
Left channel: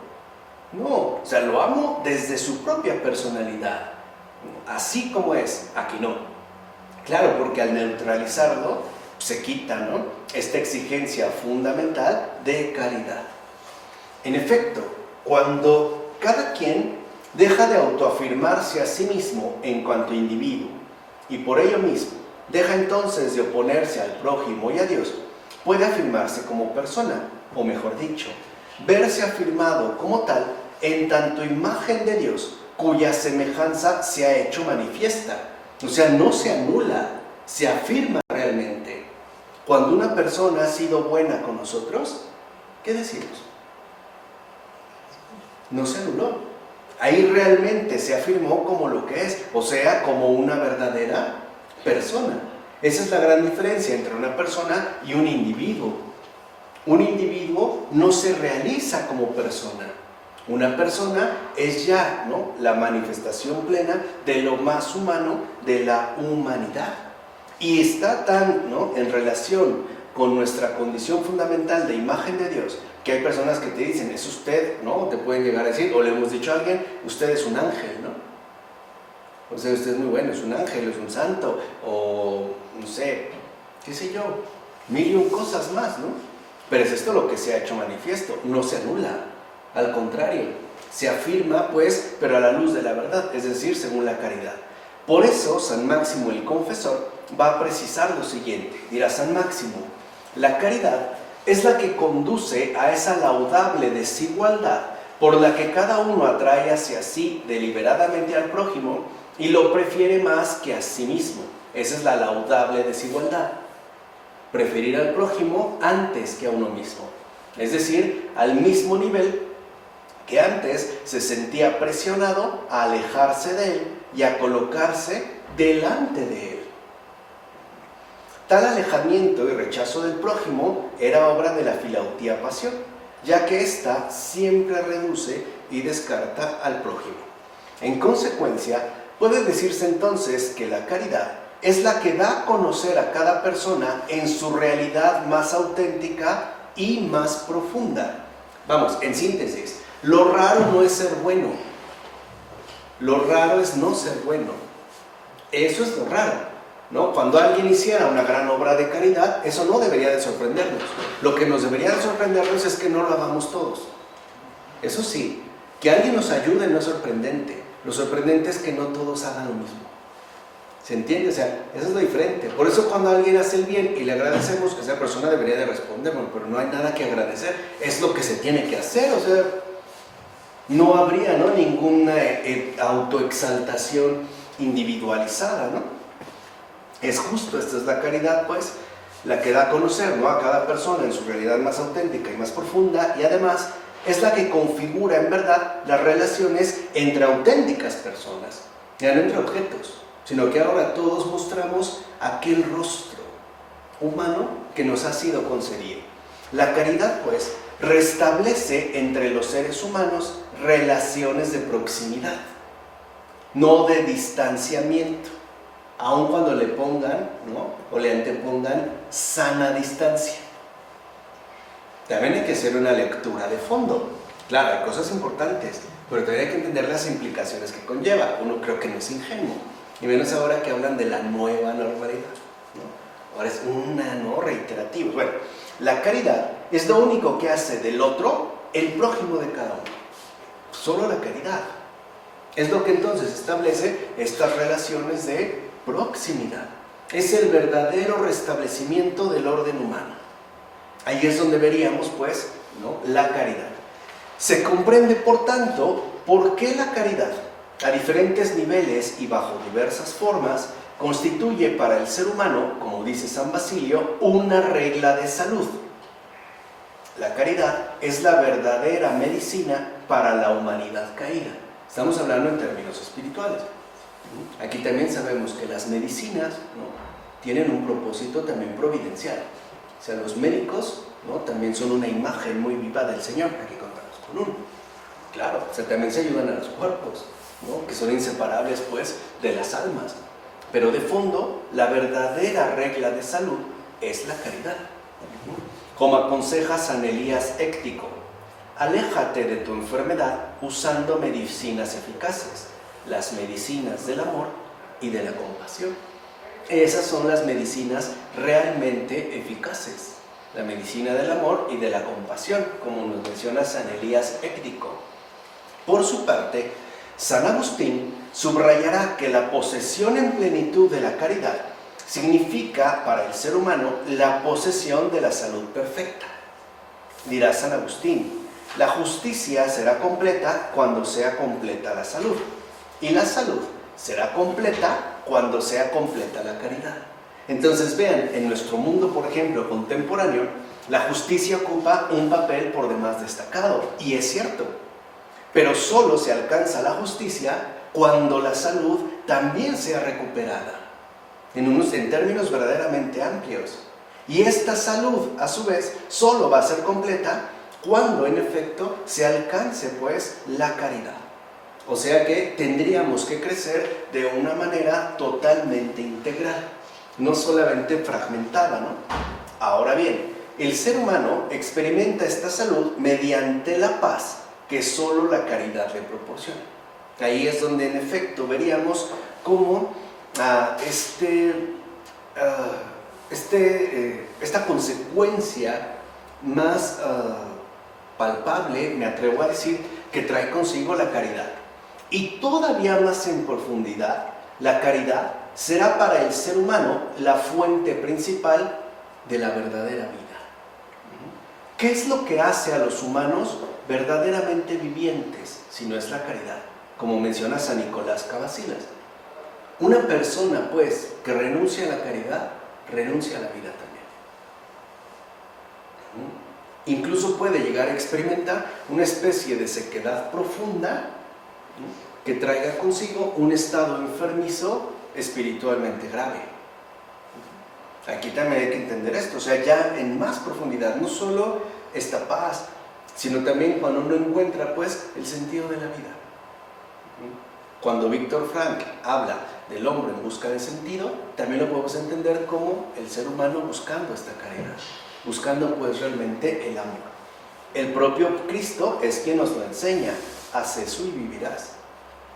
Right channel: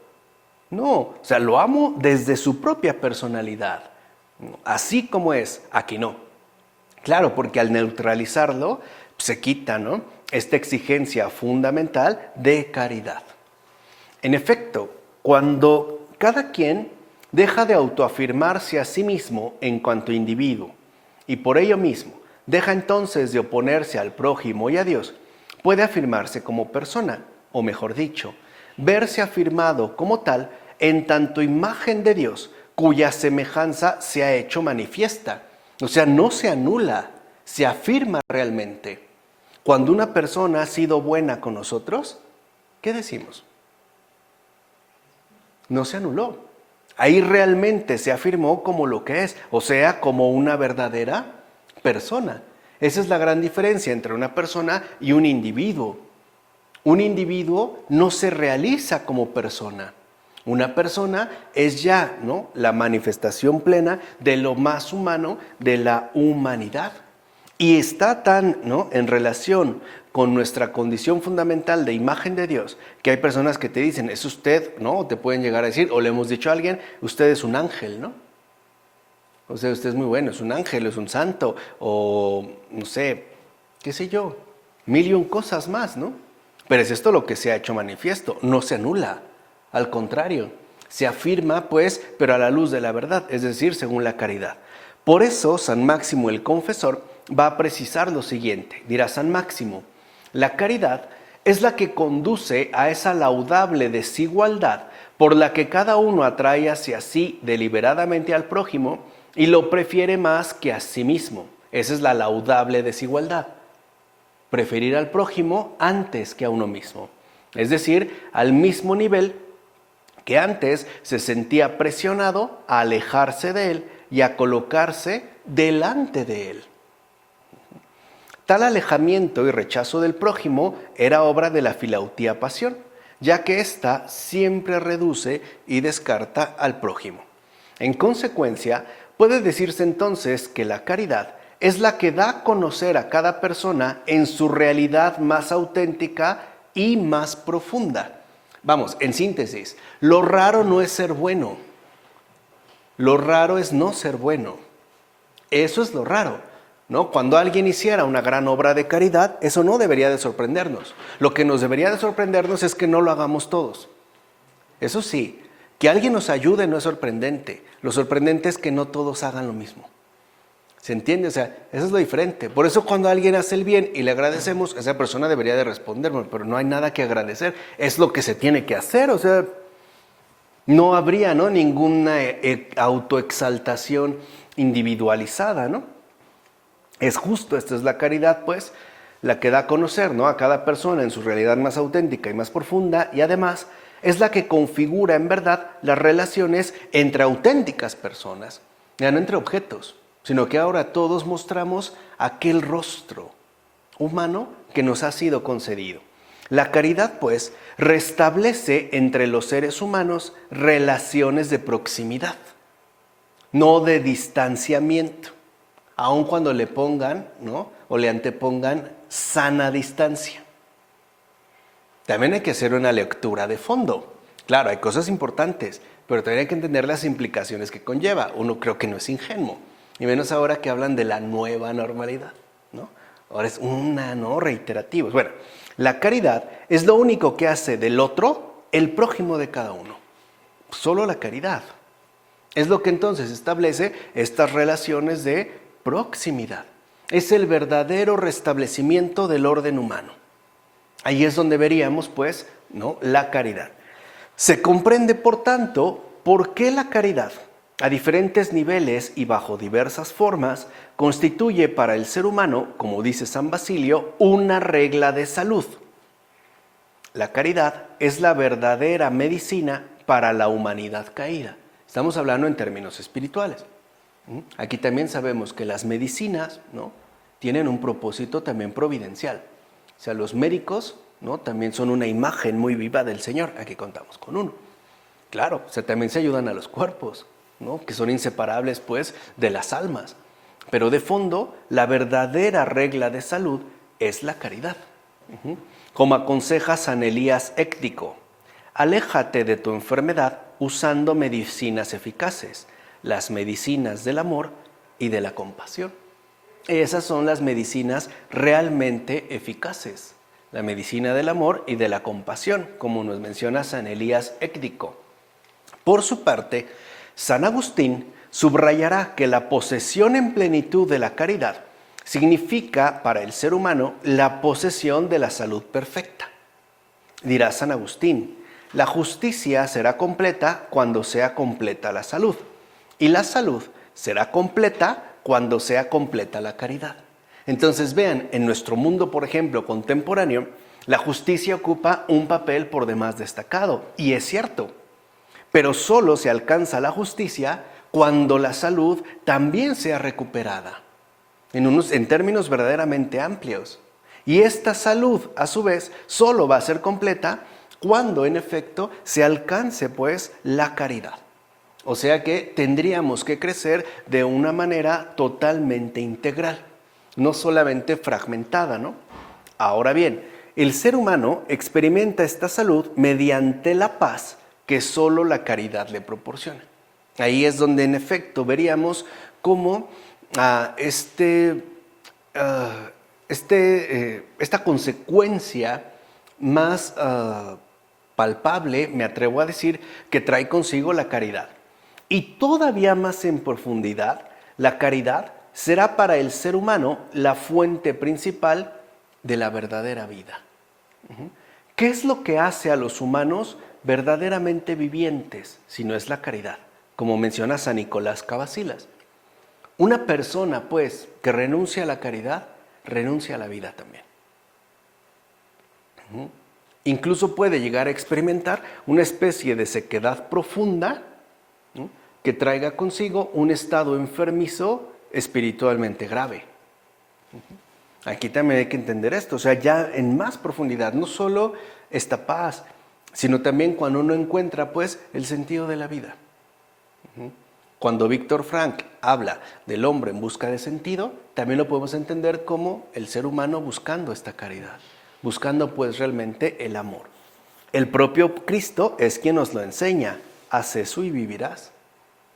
No, o sea, lo amo desde su propia personalidad, así como es. Aquí no. Claro, porque al neutralizarlo se quita, ¿no?, esta exigencia fundamental de caridad. En efecto, cuando cada quien deja de autoafirmarse a sí mismo en cuanto individuo y por ello mismo deja entonces de oponerse al prójimo y a Dios, puede afirmarse como persona, o mejor dicho, verse afirmado como tal en tanto imagen de Dios, cuya semejanza se ha hecho manifiesta. O sea, no se anula, se afirma realmente. Cuando una persona ha sido buena con nosotros, ¿qué decimos? No se anuló. Ahí realmente se afirmó como lo que es, o sea, como una verdadera persona. Esa es la gran diferencia entre una persona y un individuo. Un individuo no se realiza como persona. Una persona es ya, ¿no?, la manifestación plena de lo más humano, de la humanidad. Y está tan, ¿no?, en relación con nuestra condición fundamental de imagen de Dios, que hay personas que te dicen, es usted, ¿no? O te pueden llegar a decir, o le hemos dicho a alguien, usted es un ángel, ¿no? O sea, usted es muy bueno, es un ángel, es un santo, o no sé, qué sé yo, mil y un cosas más, ¿no? Pero es esto lo que se ha hecho manifiesto, no se anula, al contrario, se afirma, pues, pero a la luz de la verdad, es decir, según la caridad. Por eso, San Máximo el Confesor va a precisar lo siguiente, dirá San Máximo, la caridad es la que conduce a esa laudable desigualdad por la que cada uno atrae hacia sí deliberadamente al prójimo y lo prefiere más que a sí mismo. Esa es la laudable desigualdad. Preferir al prójimo antes que a uno mismo. Es decir, al mismo nivel que antes se sentía presionado a alejarse de él y a colocarse delante de él. Tal alejamiento y rechazo del prójimo era obra de la filautía pasión, ya que ésta siempre reduce y descarta al prójimo. En consecuencia, puede decirse entonces que la caridad es la que da a conocer a cada persona en su realidad más auténtica y más profunda. Vamos, en síntesis, lo raro no es ser bueno, lo raro es no ser bueno. Eso es lo raro, ¿no? Cuando alguien hiciera una gran obra de caridad, eso no debería de sorprendernos. Lo que nos debería de sorprendernos es que no lo hagamos todos. Eso sí, que alguien nos ayude no es sorprendente. Lo sorprendente es que no todos hagan lo mismo. ¿Se entiende? O sea, eso es lo diferente. Por eso cuando alguien hace el bien y le agradecemos, esa persona debería de respondernos, pero no hay nada que agradecer. Es lo que se tiene que hacer, o sea, no habría, ¿no?, ninguna autoexaltación individualizada, ¿no? Es justo, esta es la caridad, pues, la que da a conocer, ¿no?, a cada persona en su realidad más auténtica y más profunda, y además es la que configura en verdad las relaciones entre auténticas personas, ya no entre objetos, sino que ahora todos mostramos aquel rostro humano que nos ha sido concedido. La caridad, pues, restablece entre los seres humanos relaciones de proximidad, no de distanciamiento, aun cuando le pongan, ¿no?, o le antepongan sana distancia. También hay que hacer una lectura de fondo. Claro, hay cosas importantes, pero también hay que entender las implicaciones que conlleva. Uno creo que no es ingenuo, y menos ahora que hablan de la nueva normalidad, ¿no? Ahora es una, ¿no?, reiterativos. Bueno, la caridad es lo único que hace del otro el prójimo de cada uno. Solo la caridad. Es lo que entonces establece estas relaciones de proximidad. Es el verdadero restablecimiento del orden humano. Ahí es donde veríamos, pues, ¿no?, la caridad. Se comprende, por tanto, por qué la caridad, a diferentes niveles y bajo diversas formas, constituye para el ser humano, como dice San Basilio, una regla de salud. La caridad es la verdadera medicina para la humanidad caída. Estamos hablando en términos espirituales. Aquí también sabemos que las medicinas, ¿no?, tienen un propósito también providencial. O sea, los médicos, ¿no?, también son una imagen muy viva del Señor. Aquí contamos con uno. Claro, o sea, también se ayudan a los cuerpos, ¿no?, que son inseparables, pues, de las almas. Pero de fondo, la verdadera regla de salud es la caridad. Como aconseja San Elías Éctico, aléjate de tu enfermedad usando medicinas eficaces, las medicinas del amor y de la compasión. Esas son las medicinas realmente eficaces, la medicina del amor y de la compasión, como nos menciona San Elías Éctico. Por su parte, San Agustín subrayará que la posesión en plenitud de la caridad significa para el ser humano la posesión de la salud perfecta. Dirá San Agustín, la justicia será completa cuando sea completa la salud, y la salud será completa cuando sea completa la caridad. Entonces vean, en nuestro mundo, por ejemplo, contemporáneo, la justicia ocupa un papel por demás destacado, y es cierto, pero solo se alcanza la justicia cuando la salud también sea recuperada, en términos verdaderamente amplios. Y esta salud, a su vez, solo va a ser completa cuando en efecto se alcance pues la caridad. O sea que tendríamos que crecer de una manera totalmente integral, no solamente fragmentada, ¿no? Ahora bien, el ser humano experimenta esta salud mediante la paz que solo la caridad le proporciona. Ahí es donde en efecto veríamos cómo esta consecuencia más palpable, me atrevo a decir, que trae consigo la caridad. Y todavía más en profundidad, la caridad será para el ser humano la fuente principal de la verdadera vida. ¿Qué es lo que hace a los humanos verdaderamente vivientes si no es la caridad? Como menciona San Nicolás Cavasilas. Una persona, pues, que renuncia a la caridad, renuncia a la vida también. Incluso puede llegar a experimentar una especie de sequedad profunda que traiga consigo un estado enfermizo espiritualmente grave. Aquí también hay que entender esto, o sea, ya en más profundidad, no solo esta paz, sino también cuando uno encuentra, pues, el sentido de la vida. Cuando Víctor Frank habla del hombre en busca de sentido, también lo podemos entender como el ser humano buscando esta caridad, buscando pues realmente el amor. El propio Cristo es quien nos lo enseña, haz eso y vivirás.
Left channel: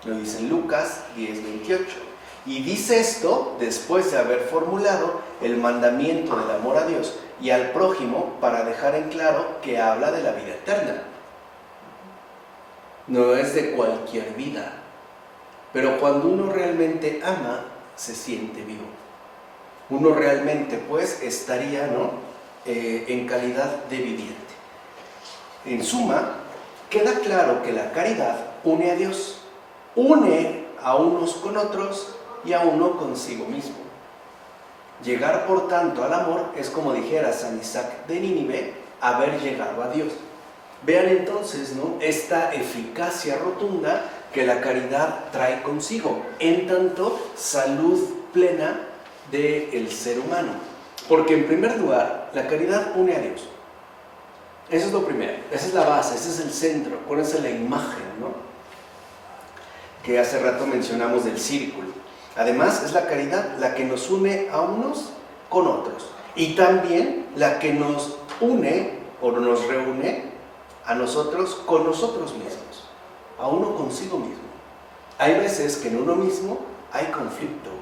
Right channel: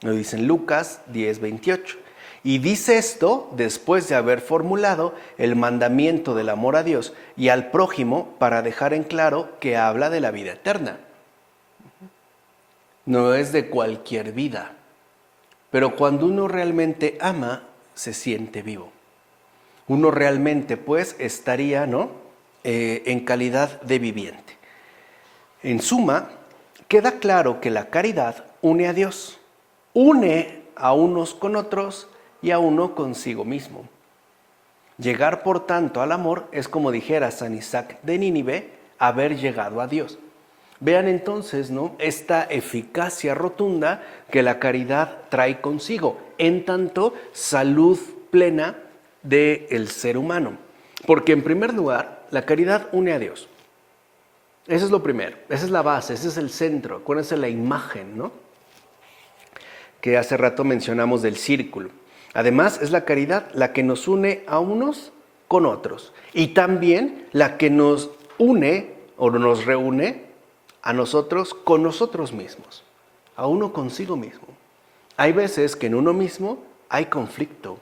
Lo dice en Lucas 10:28. Y dice esto después de haber formulado el mandamiento del amor a Dios y al prójimo para dejar en claro que habla de la vida eterna. No es de cualquier vida, pero cuando uno realmente ama, se siente vivo. Uno realmente pues estaría, en calidad de viviente. En suma, queda claro que la caridad une a Dios, une a unos con otros y a uno consigo mismo. Llegar, por tanto, al amor es, como dijera San Isaac de Nínive, haber llegado a Dios. Vean entonces, esta eficacia rotunda que la caridad trae consigo, en tanto salud plena del ser humano. Porque en primer lugar, la caridad une a Dios. Eso es lo primero, esa es la base, ese es el centro. Acuérdense la imagen, que hace rato mencionamos del círculo. Además, es la caridad la que nos une a unos con otros. Y también la que nos une o nos reúne a nosotros con nosotros mismos. A uno consigo mismo. Hay veces que en uno mismo hay conflicto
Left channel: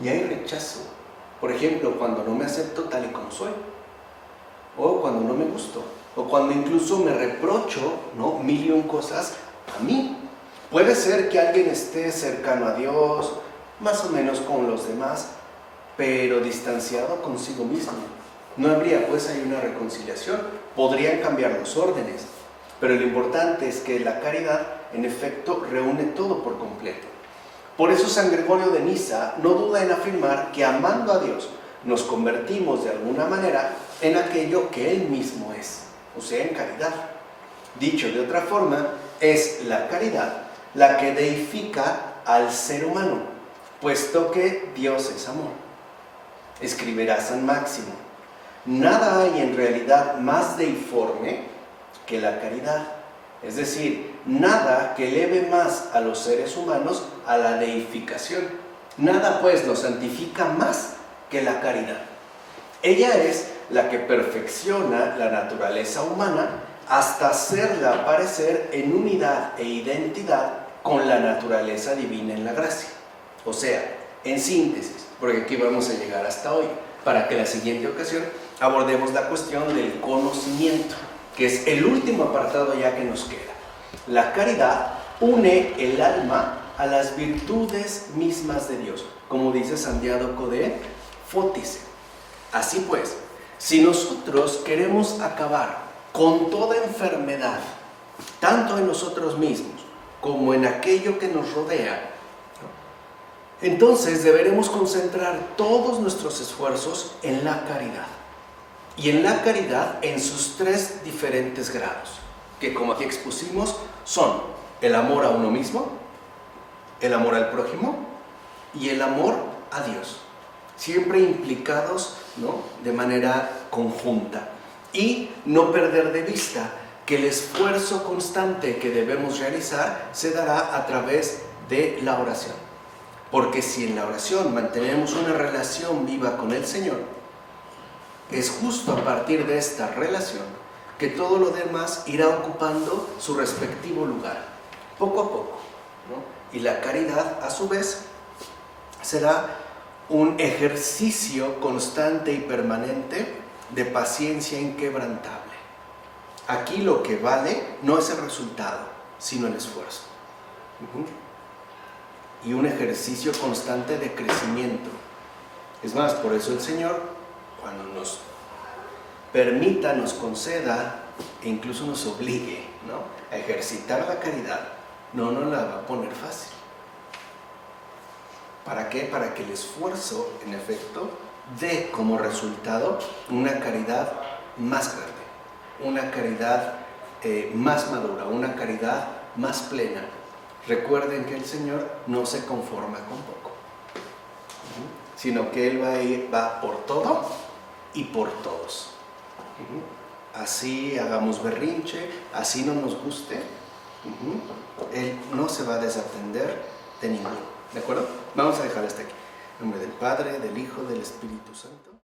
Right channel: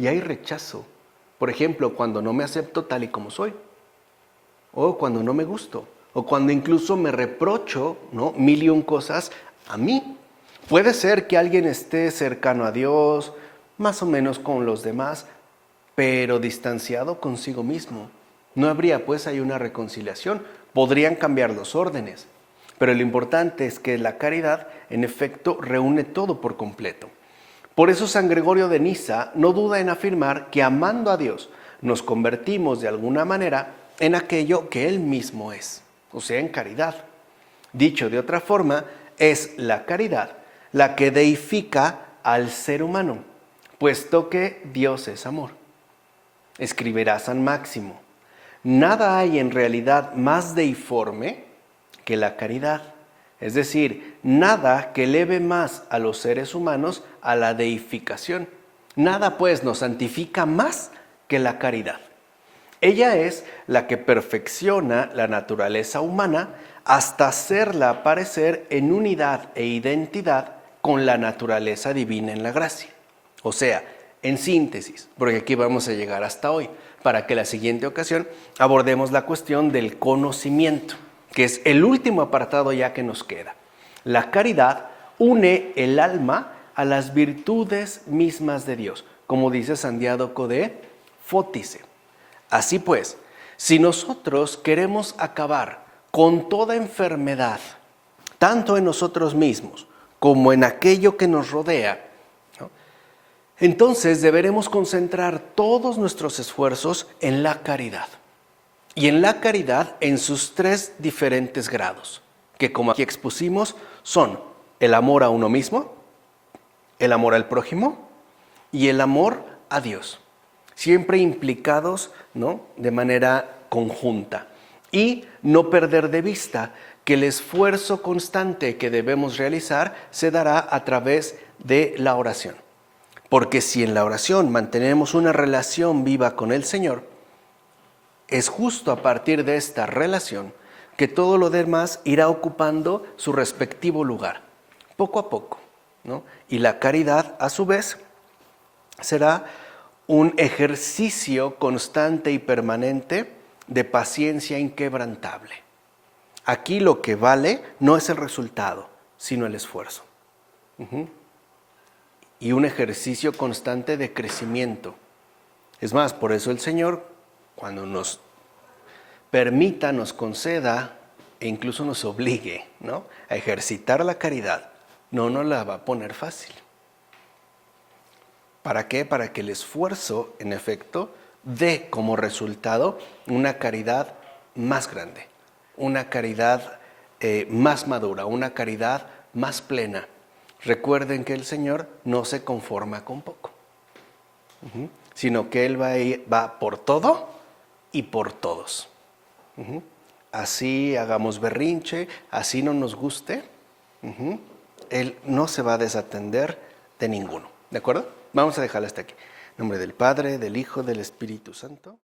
y hay rechazo. Por ejemplo, cuando no me acepto tal y como soy. O cuando no me gusto. O cuando incluso me reprocho, mil y un cosas a mí. Puede ser que alguien esté cercano a Dios, más o menos con los demás, pero distanciado consigo mismo. No habría pues ahí una reconciliación. Podrían cambiar los órdenes. Pero lo importante es que la caridad, en efecto, reúne todo por completo. Por eso San Gregorio de Nisa no duda en afirmar que amando a Dios nos convertimos de alguna manera en aquello que Él mismo es, o sea, en caridad. Dicho de otra forma, es la caridad la que deifica al ser humano, puesto que Dios es amor. Escribirá San Máximo: nada hay en realidad más deiforme que la caridad, es decir, nada que eleve más a los seres humanos a la deificación, Nada pues nos santifica más que la caridad. Ella es la que perfecciona la naturaleza humana hasta hacerla aparecer en unidad e identidad con la naturaleza divina en la gracia. O sea, en síntesis, porque aquí vamos a llegar hasta hoy, para que la siguiente ocasión abordemos la cuestión del conocimiento, que es el último apartado ya que nos queda. La caridad une el alma a las virtudes mismas de Dios, como dice San Diádoco de Fótice. Así pues, si nosotros queremos acabar con toda enfermedad, tanto en nosotros mismos como en aquello que nos rodea, entonces deberemos concentrar todos nuestros esfuerzos en la caridad. Y en la caridad en sus 3 diferentes grados, que como aquí expusimos son el amor a uno mismo, el amor al prójimo y el amor a Dios. Siempre implicados, ¿no?, de manera conjunta. Y no perder de vista que el esfuerzo constante que debemos realizar se dará a través de la oración. Porque si en la oración mantenemos una relación viva con el Señor, es justo a partir de esta relación que todo lo demás irá ocupando su respectivo lugar, poco a poco, ¿no? Y la caridad, a su vez, será un ejercicio constante y permanente de paciencia inquebrantable. Aquí lo que vale no es el resultado, sino el esfuerzo. Y un ejercicio constante de crecimiento. Es más, por eso el Señor, cuando nos permita, nos conceda e incluso nos obligue, ¿no?, a ejercitar la caridad, no nos la va a poner fácil. ¿Para qué? Para que el esfuerzo, en efecto, dé como resultado una caridad más grande, una caridad más madura, una caridad más plena. Recuerden que el Señor no se conforma con poco, sino que Él va por todo y por todos. Así hagamos berrinche, así no nos guste, Él no se va a desatender de ninguno. ¿De acuerdo? Vamos a dejarlo hasta aquí. En nombre del Padre, del Hijo, del Espíritu Santo.